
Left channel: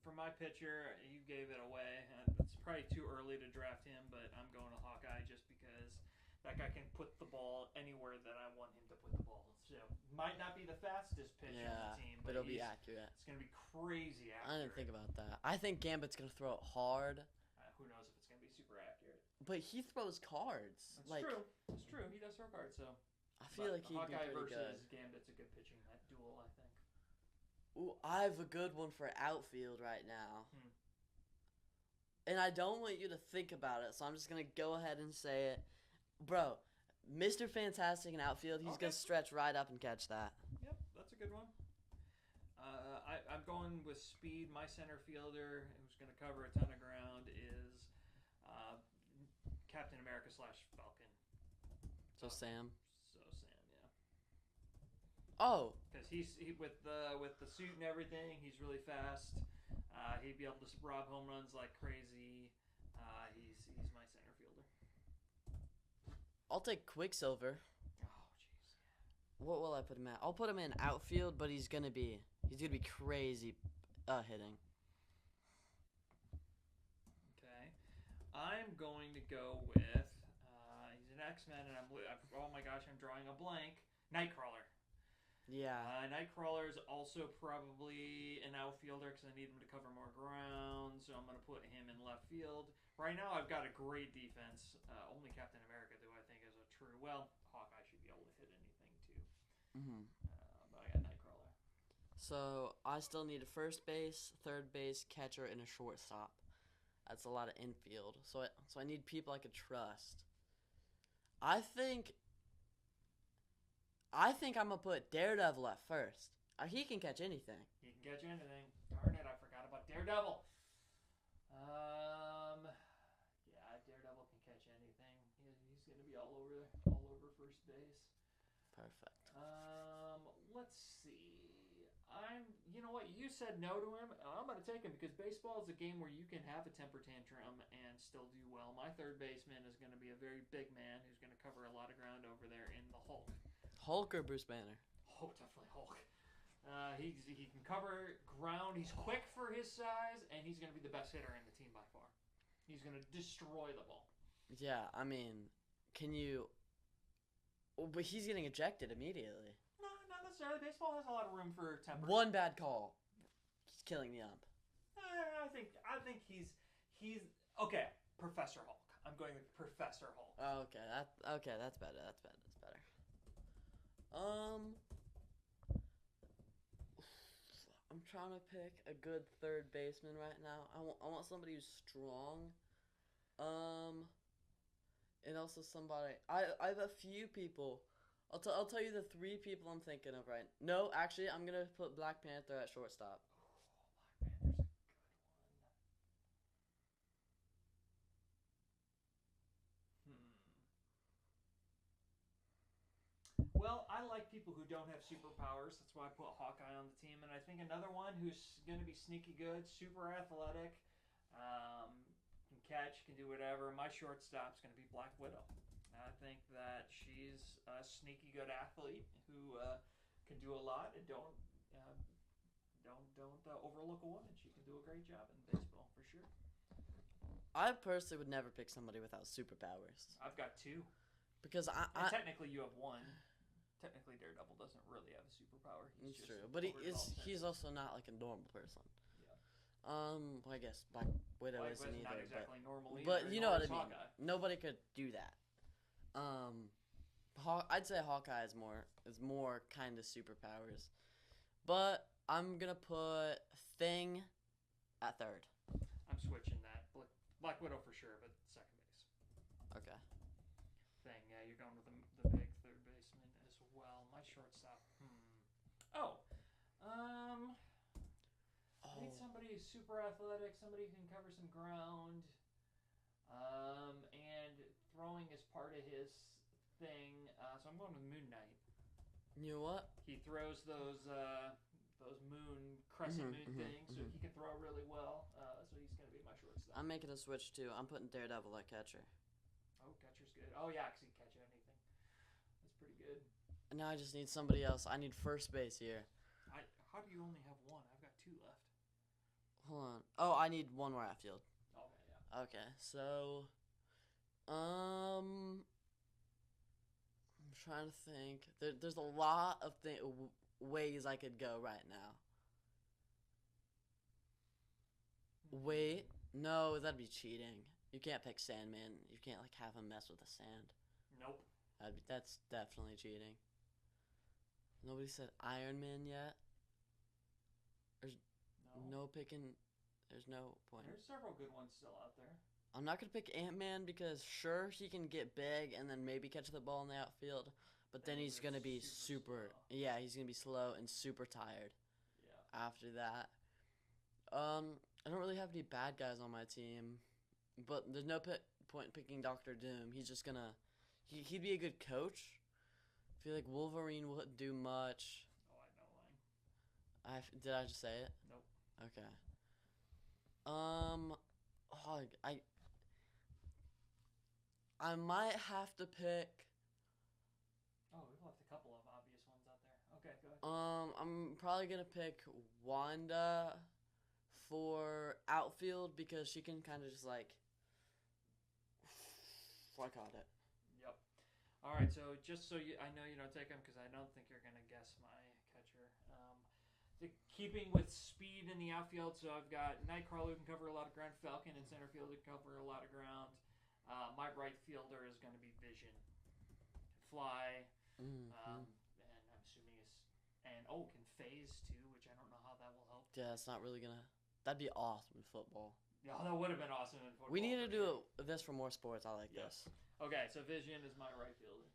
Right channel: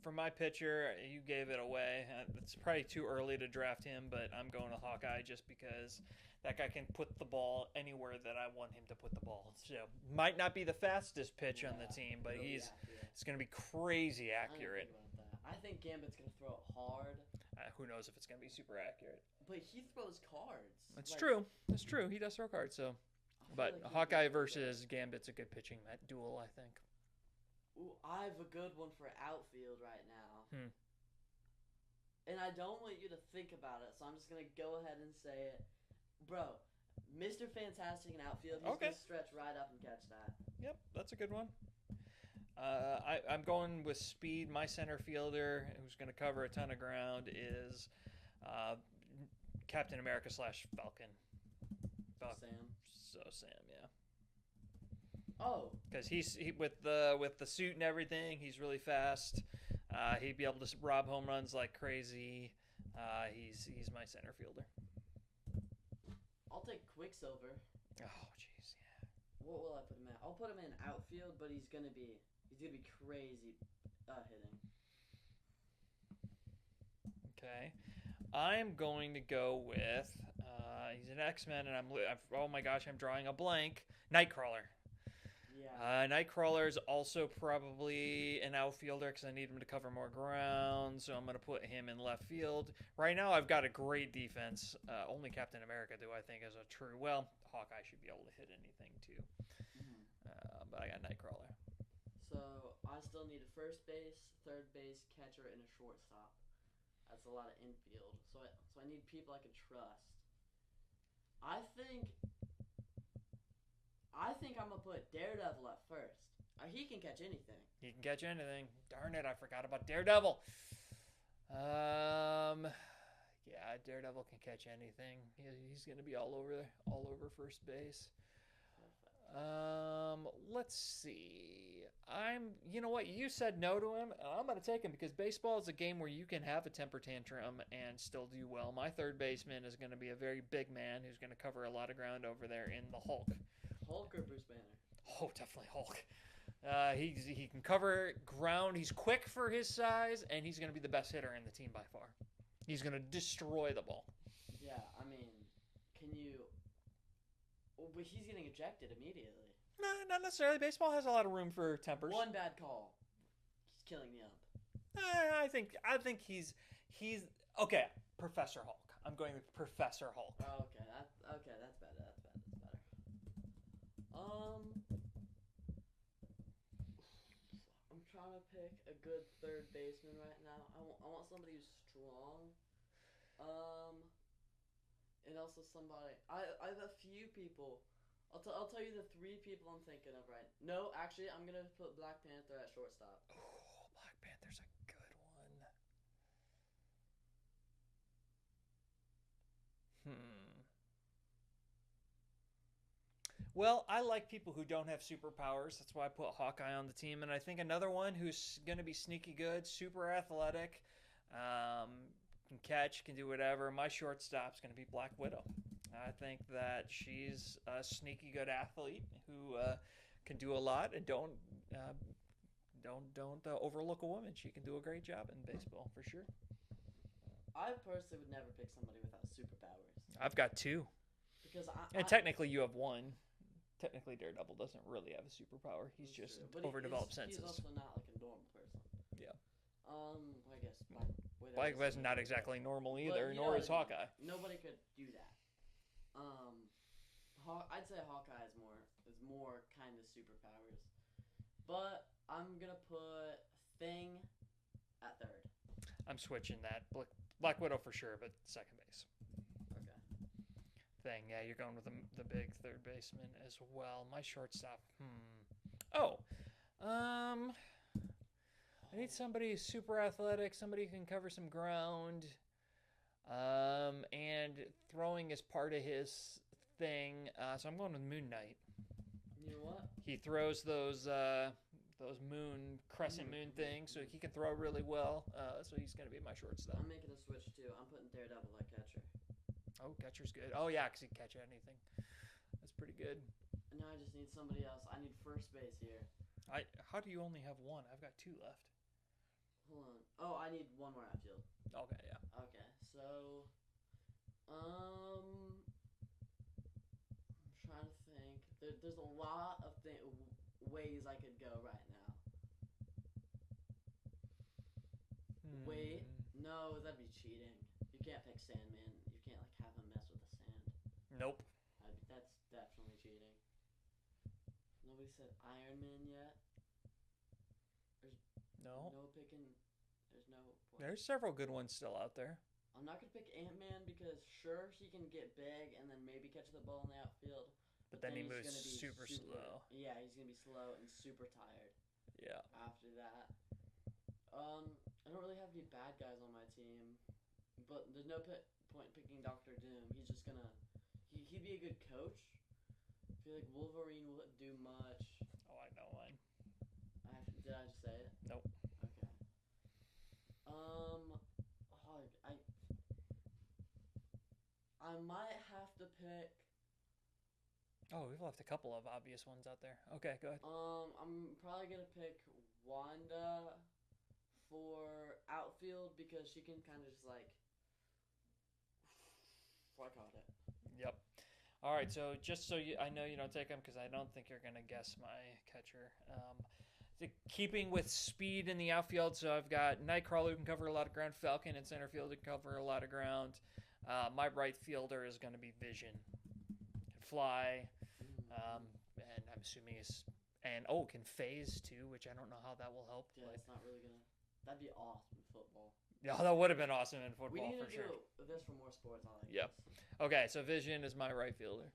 for my pitcher, you gave it away. It's probably too early to draft him, but I'm going to Hawkeye just because that guy can put the ball anywhere that I want him to put the ball. So, might not be the fastest pitch on the team, but it's going to be crazy accurate. I didn't think about that. I think Gambit's going to throw it hard. Who knows if it's going to be super accurate. But he throws cards. That's true. That's true. He does throw cards, so. But like Hawkeye versus Gambit's a good pitching duel, I think. Ooh, I have a good one for outfield right now. And I don't want you to think about it, so I'm just going to go ahead and say it. Bro, Mr. Fantastic in outfield, he's going to stretch right up and catch that. Yep, that's a good one. I'm going with speed. My center fielder, who's going to cover a ton of ground, is Captain America / Falcon. Sam, yeah. Oh, because he's with the suit and everything. He's really fast. He'd be able to rob home runs like crazy. He's my center fielder. I'll take Quicksilver. Oh, jeez, yeah. What will I put him at? I'll put him in outfield, but he's gonna be crazy hitting. Okay, I'm going to go with he's an X-Men, and oh my gosh, I'm drawing a blank. Nightcrawler. Yeah. Nightcrawler is also probably an outfielder because I need him to cover more ground, so I'm going to put him in left field. Right now, I've got a great defense. Only Captain America, do I think, is a true. Well, Hawkeye should be able to hit anything too. But I got Nightcrawler. So I still need a first base, third base, catcher, and a shortstop. That's a lot of infield. So I need people I can trust. I think I'm gonna put Daredevil at first. He can catch anything. He can catch anything. Darn it, I forgot about Daredevil. Yeah, Daredevil can catch anything. He's gonna be all over first base. Perfect. Let's see. You know what? You said no to him. I'm going to take him because baseball is a game where you can have a temper tantrum and still do well. My third baseman is going to be a very big man who's going to cover a lot of ground over there in the Hulk. Hulk or Bruce Banner? Oh, definitely Hulk. He can cover ground. He's quick for his size, and he's going to be the best hitter in the team by far. He's going to destroy the ball. Yeah, I mean, can you... But he's getting ejected immediately. No, not necessarily. Baseball has a lot of room for temper. One bad call, he's killing the ump. I think he's okay. Professor Hulk. I'm going with Professor Hulk. Oh, okay, that's better. That's better. I'm trying to pick a good third baseman right now. I want somebody who's strong. And also somebody. I have a few people. I'll tell you the three people I'm thinking of right. No, actually, I'm gonna put Black Panther at shortstop. Oh, Black Panther's a good one. Well, I like people who don't have superpowers. That's why I put Hawkeye on the team. And I think another one who's going to be sneaky good, super athletic, can catch, can do whatever. My shortstop's going to be Black Widow. I think that she's a sneaky good athlete who can do a lot and don't overlook a woman. She can do a great job in baseball for sure. I personally would never pick somebody without superpowers I've got two, because and technically you have one. Technically, Daredevil doesn't really have a superpower. He's just true, but overdeveloped senses. he's also not like a normal person. Yeah. I guess Black Widow. Black Widow's not exactly normal either. But you know nor what is I mean. Hawkeye. Nobody could do that. I'd say Hawkeye is more kind of superpowers, but I'm gonna put Thing at third. I'm switching that. Black Widow for sure, but second base. Okay. Thing, yeah, you're going with the big third baseman as well. My shortstop. I need somebody who's super athletic, somebody who can cover some ground, and throwing is part of his thing. So I'm going with Moon Knight. You know what? He throws those crescent moon things, so he can throw really well. So he's going to be my shortstop. I'm making a switch too. I'm putting Daredevil at catcher. Oh, catcher's good. Oh, yeah, because he can catch anything. That's pretty good. And now I just need somebody else. I need first base here. How do you only have one? I've got two left. Hold on. Oh, I need one more outfield. Okay, yeah. Okay, so, I'm trying to think. There's a lot of ways I could go right now. Wait, no, that'd be cheating. You can't pick Sandman. You can't like have him mess with the sand. Nope. That's definitely cheating. Nobody said Iron Man yet. There's no picking. There's no point. There's several good ones still out there. I'm not gonna pick Ant-Man because sure he can get big and then maybe catch the ball in the outfield, but then he's gonna be super slow. Yeah, he's gonna be slow and super tired. Yeah. After that, I don't really have any bad guys on my team, but there's no point picking Doctor Doom. He's just gonna he'd be a good coach. I feel like Wolverine wouldn't do much. Oh, I know mine. Did I just say it? Nope. Okay. I might have to pick. Oh, we've left a couple of obvious ones out there. Okay, go ahead. I'm probably gonna pick Wanda for outfield because she can kind of just like. I caught it. Yep. All right, so just so I know you don't take them because I don't think you're gonna guess my catcher. Keeping with speed in the outfield, so I've got Nightcrawler who can cover a lot of ground, Falcon in center field who can cover a lot of ground. My right fielder is going to be Vision, can fly, and I'm assuming can phase too, which I don't know how that will help. Yeah, it's not really gonna. That'd be awesome in football. Yeah, that would have been awesome in football. We need to do this for more sports. I like this. Okay, so Vision is my right fielder.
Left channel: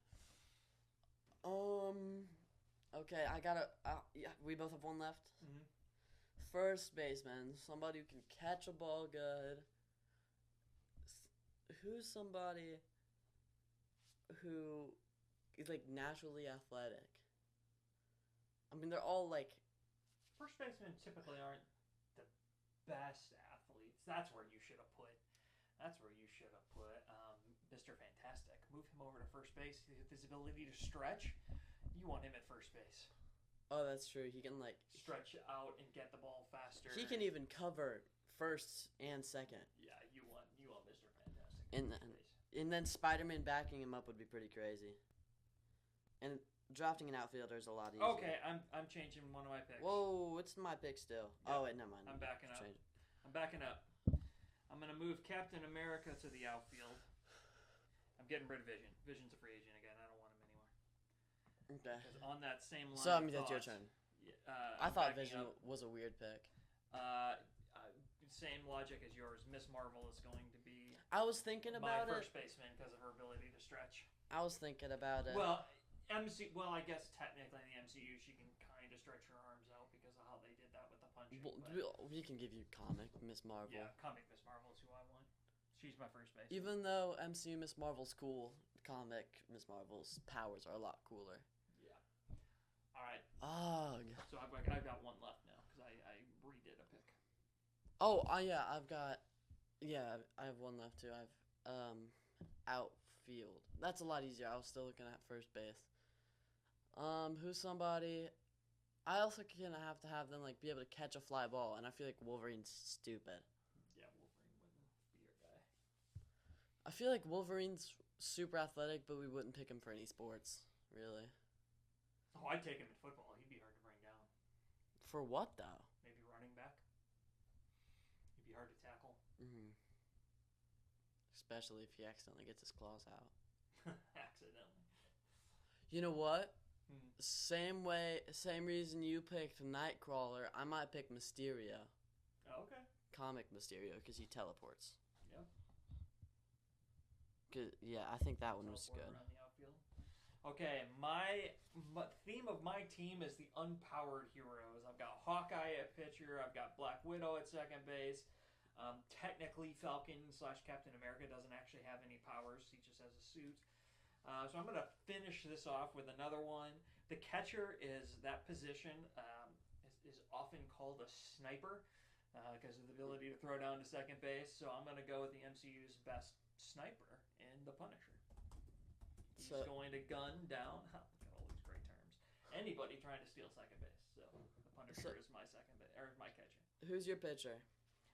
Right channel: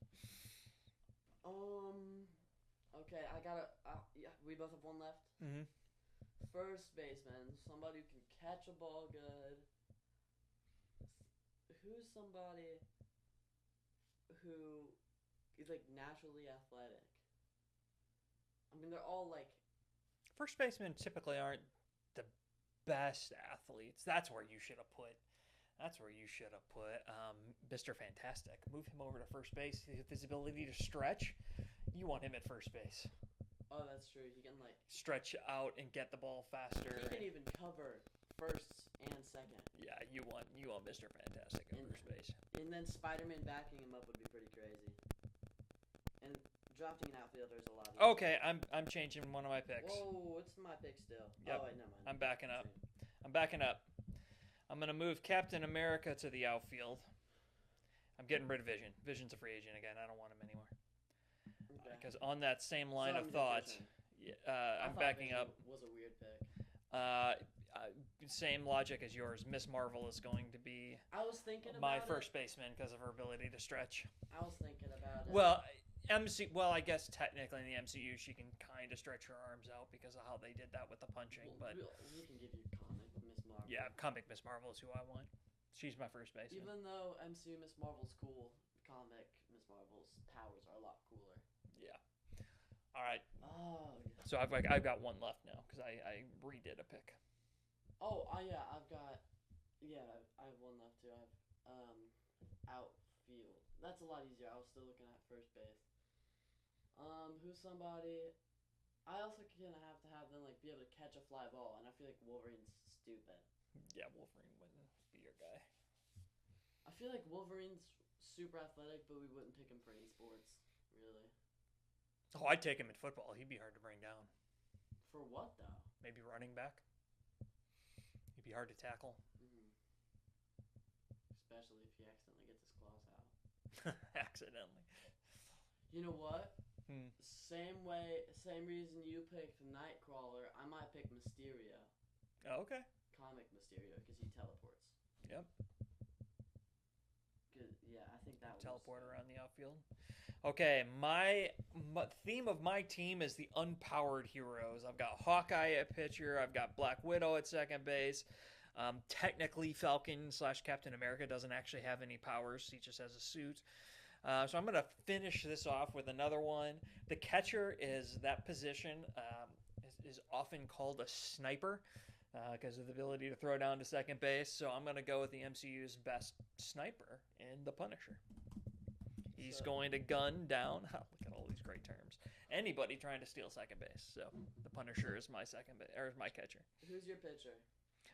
Okay, I gotta. Yeah, we both have one left. Mm-hmm. First baseman, somebody who can catch a ball good. Who's somebody who is like naturally athletic? I mean, they're all like. First basemen typically aren't the best athletes. That's where you should have put. Mr. Fantastic. Move him over to first base. His ability to stretch. You want him at first base. Oh, that's true. He can like stretch out and get the ball faster. He can even cover first and second. Yeah, you want Mr. Fantastic at first base. And then Spider-Man backing him up would be pretty crazy. And drafting an outfielder is a lot easier. Okay, I'm changing one of my picks. Whoa, it's my pick still. Yep. Oh wait, never mind. I'm backing up. I'm gonna move Captain America to the outfield. I'm getting rid of Vision. Vision's a free agent again. I don't want him anymore. Okay. Because on that same line of thought, I thought Vision was a weird pick. Same logic as yours. Miss Marvel is going to be. I was thinking about my first baseman because of her ability to stretch. I was thinking about it. Well, I guess technically in the MCU she can kind of stretch her arms out because of how they did that with the punching. But we can give you comic Miss Marvel. Yeah, comic Miss Marvel is who I want. She's my first baseman. Even though MCU Miss Marvel's cool, comic Miss Marvel's powers are a lot cooler. Yeah. All right. Ugh. So I've got one left now because I redid a pick. Oh, I have one left too. I have outfield. that's a lot easier. I was still looking at first base. Who's somebody? I also kind of have to have them like be able to catch a fly ball, and I feel like Wolverine's stupid. Yeah, Wolverine wouldn't be your guy. I feel like Wolverine's super athletic, but we wouldn't pick him for any sports, really. Oh, I'd take him in football. He'd be hard to bring down. For what though? Maybe running back. He'd be hard to tackle. Mm. Especially if he accidentally gets his claws out. Accidentally. You know what? Hmm. Same reason you picked Nightcrawler, I might pick Mysterio. Oh, okay. Comic Mysterio, because he teleports. Yep. Yeah, I think that one was Teleport good. around the outfield. Okay, my theme of my team is the unpowered heroes. I've got Hawkeye at pitcher. I've got Black Widow at second base. Technically, Falcon / Captain America doesn't actually have any powers. He just has a suit. So I'm going to finish this off with another one. The catcher is that position is often called a sniper because of the ability to throw down to second base. So I'm going to go with the MCU's best sniper in the Punisher. He's going to gun down. Oh, look at all these great terms. Anybody trying to steal second base. So the Punisher is my my catcher. Who's your pitcher?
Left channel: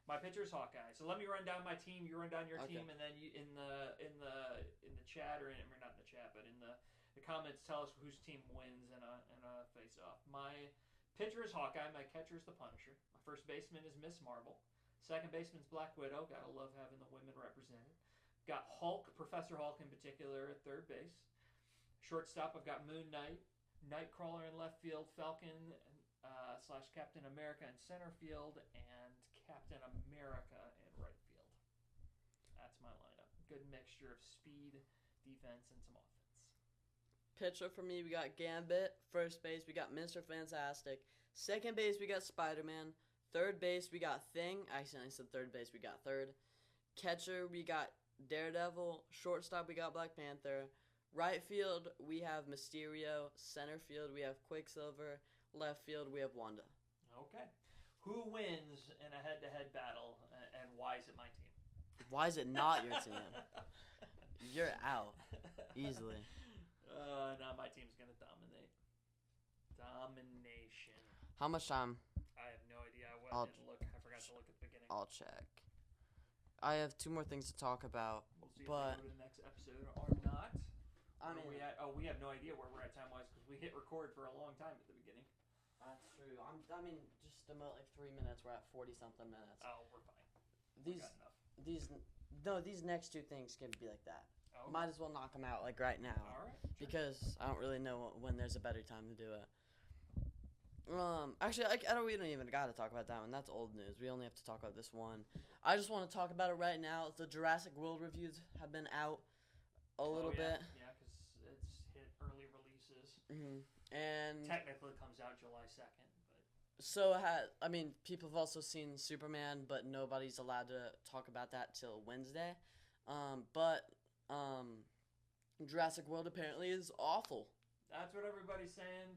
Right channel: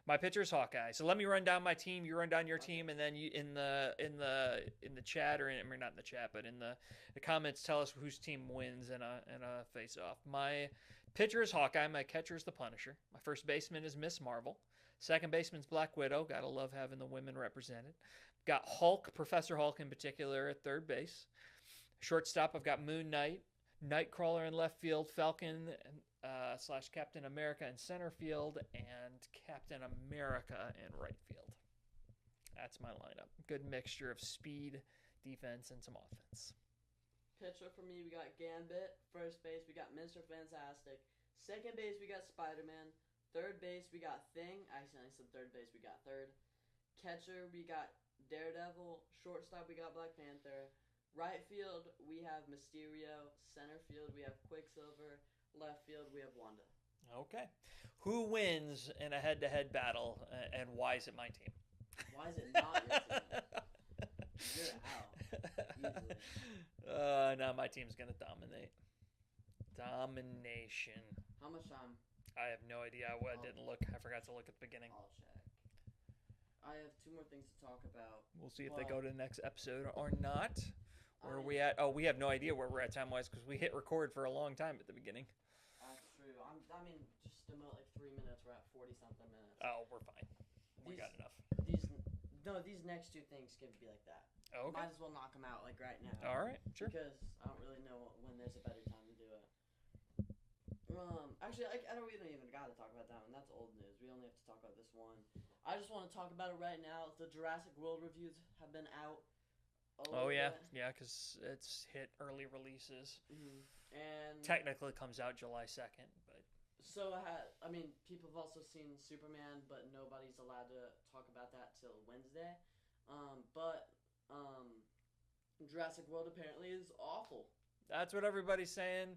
My pitcher is Hawkeye. So let me run down my team. You run down your team, and then you in the chat or not in the chat, but in the comments, tell us whose team wins in a face off. My pitcher is Hawkeye. My catcher is the Punisher. My first baseman is Miss Marvel. Second baseman's Black Widow. Gotta love having the women represented. Got Hulk, Professor Hulk in particular, at third base. Shortstop, I've got Moon Knight, Nightcrawler in left field, Falcon / Captain America in center field, and Captain America in right field. That's my lineup. Good mixture of speed, defense, and some offense. Pitcher for me, we got Gambit. First base, we got Mr. Fantastic. Second base, we got Spider-Man. Third base, we got Thing. Actually, I said third base, we got third. Catcher, we got Daredevil. Shortstop, we got Black Panther. Right field, we have Mysterio. Center field, we have Quicksilver. Left field, we have Wanda. Okay. Who wins in a head-to-head battle, and why is it my team? Why is it not your team? You're out. Easily. No, my team's going to dominate. Domination. How much time? I have no idea. I didn't look. I forgot to look at the beginning. I'll check. I have 2 more things to talk about. We'll see if they go to the next episode or not. Where are we at? Oh, we have no idea where we're at time-wise because we hit record for a long time at the beginning. That's true. Just about like 3 minutes. We're at 40-something minutes. Oh, we're fine. We got enough. These next 2 things can be like that. Oh, okay. Might as well knock them out like right now. All right, sure. Because I don't really know when there's a better time to do it. Actually, we don't even got to talk about that one. That's old news. We only have to talk about this one. I just want to talk about it right now. The Jurassic World reviews have been out a little bit. Yeah, because it's hit early releases. Mm-hmm. And technically comes out July 2nd. But so, people have also seen Superman, but nobody's allowed to talk about that till Wednesday. Jurassic World apparently is awful. That's what everybody's saying.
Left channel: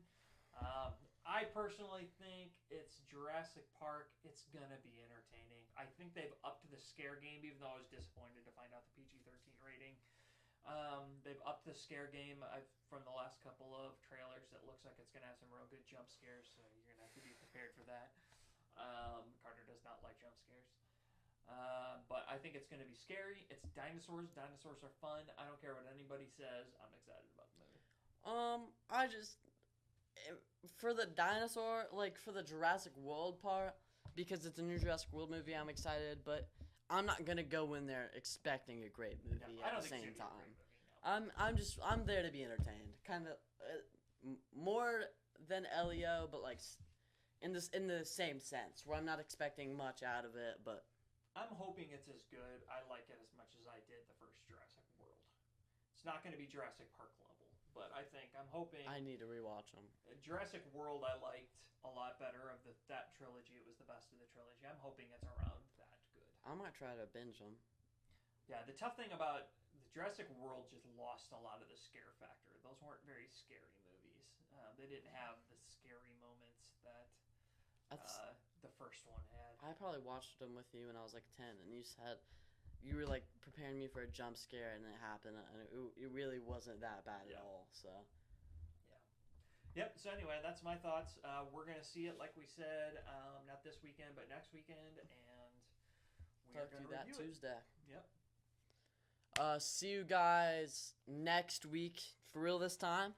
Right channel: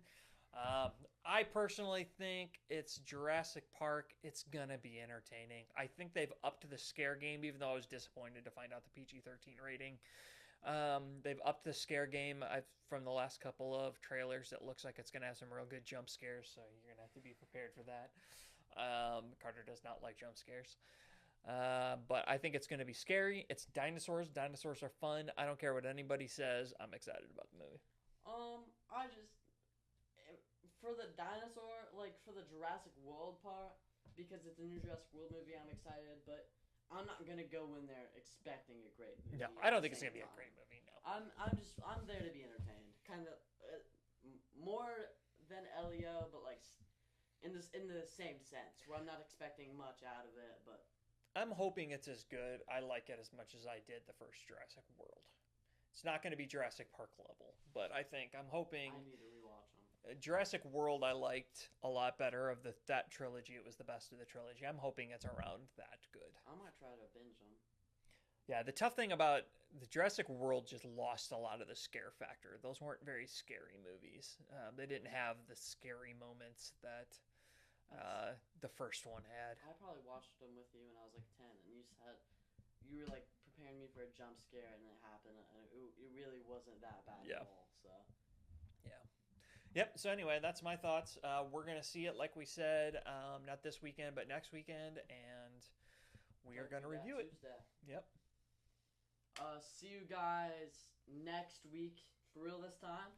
I personally think it's Jurassic Park. It's going to be entertaining. I think they've upped the scare game, even though I was disappointed to find out the PG-13 rating. They've upped the scare game from the last couple of trailers. It looks like it's going to have some real good jump scares, so you're going to have to be prepared for that. Carter does not like jump scares. But I think it's going to be scary. It's dinosaurs. Dinosaurs are fun. I don't care what anybody says. I'm excited about the movie. For the dinosaur, for the Jurassic World part, because it's a new Jurassic World movie, I'm excited, but I'm not going to go in there expecting a great movie. No, I don't think it's going to be a great movie, no. I'm there to be entertained. Kind of more than Elio, but in the same sense, where I'm not expecting much out of it, but I'm hoping it's as good. I like it as much as I did the first Jurassic World. It's not going to be Jurassic Park level, but I'm hoping... I need to rewatch them. Jurassic World I liked a lot better. Of that trilogy, it was the best of the trilogy. I'm hoping it's around that good. I might try to binge them. Yeah, the tough thing about the Jurassic World just lost a lot of the scare factor. Those weren't very scary movies. They didn't have the scary moments that the first one had. I probably watched them with you when I was 10, and you said... You were preparing me for a jump scare, and it happened, and it really wasn't that bad Yeah. at all. So Yep. So anyway, that's my thoughts. We're gonna see it, like we said, not this weekend, but next weekend, and we are gonna that review it. Tuesday. Yep. See you guys next week for real this time.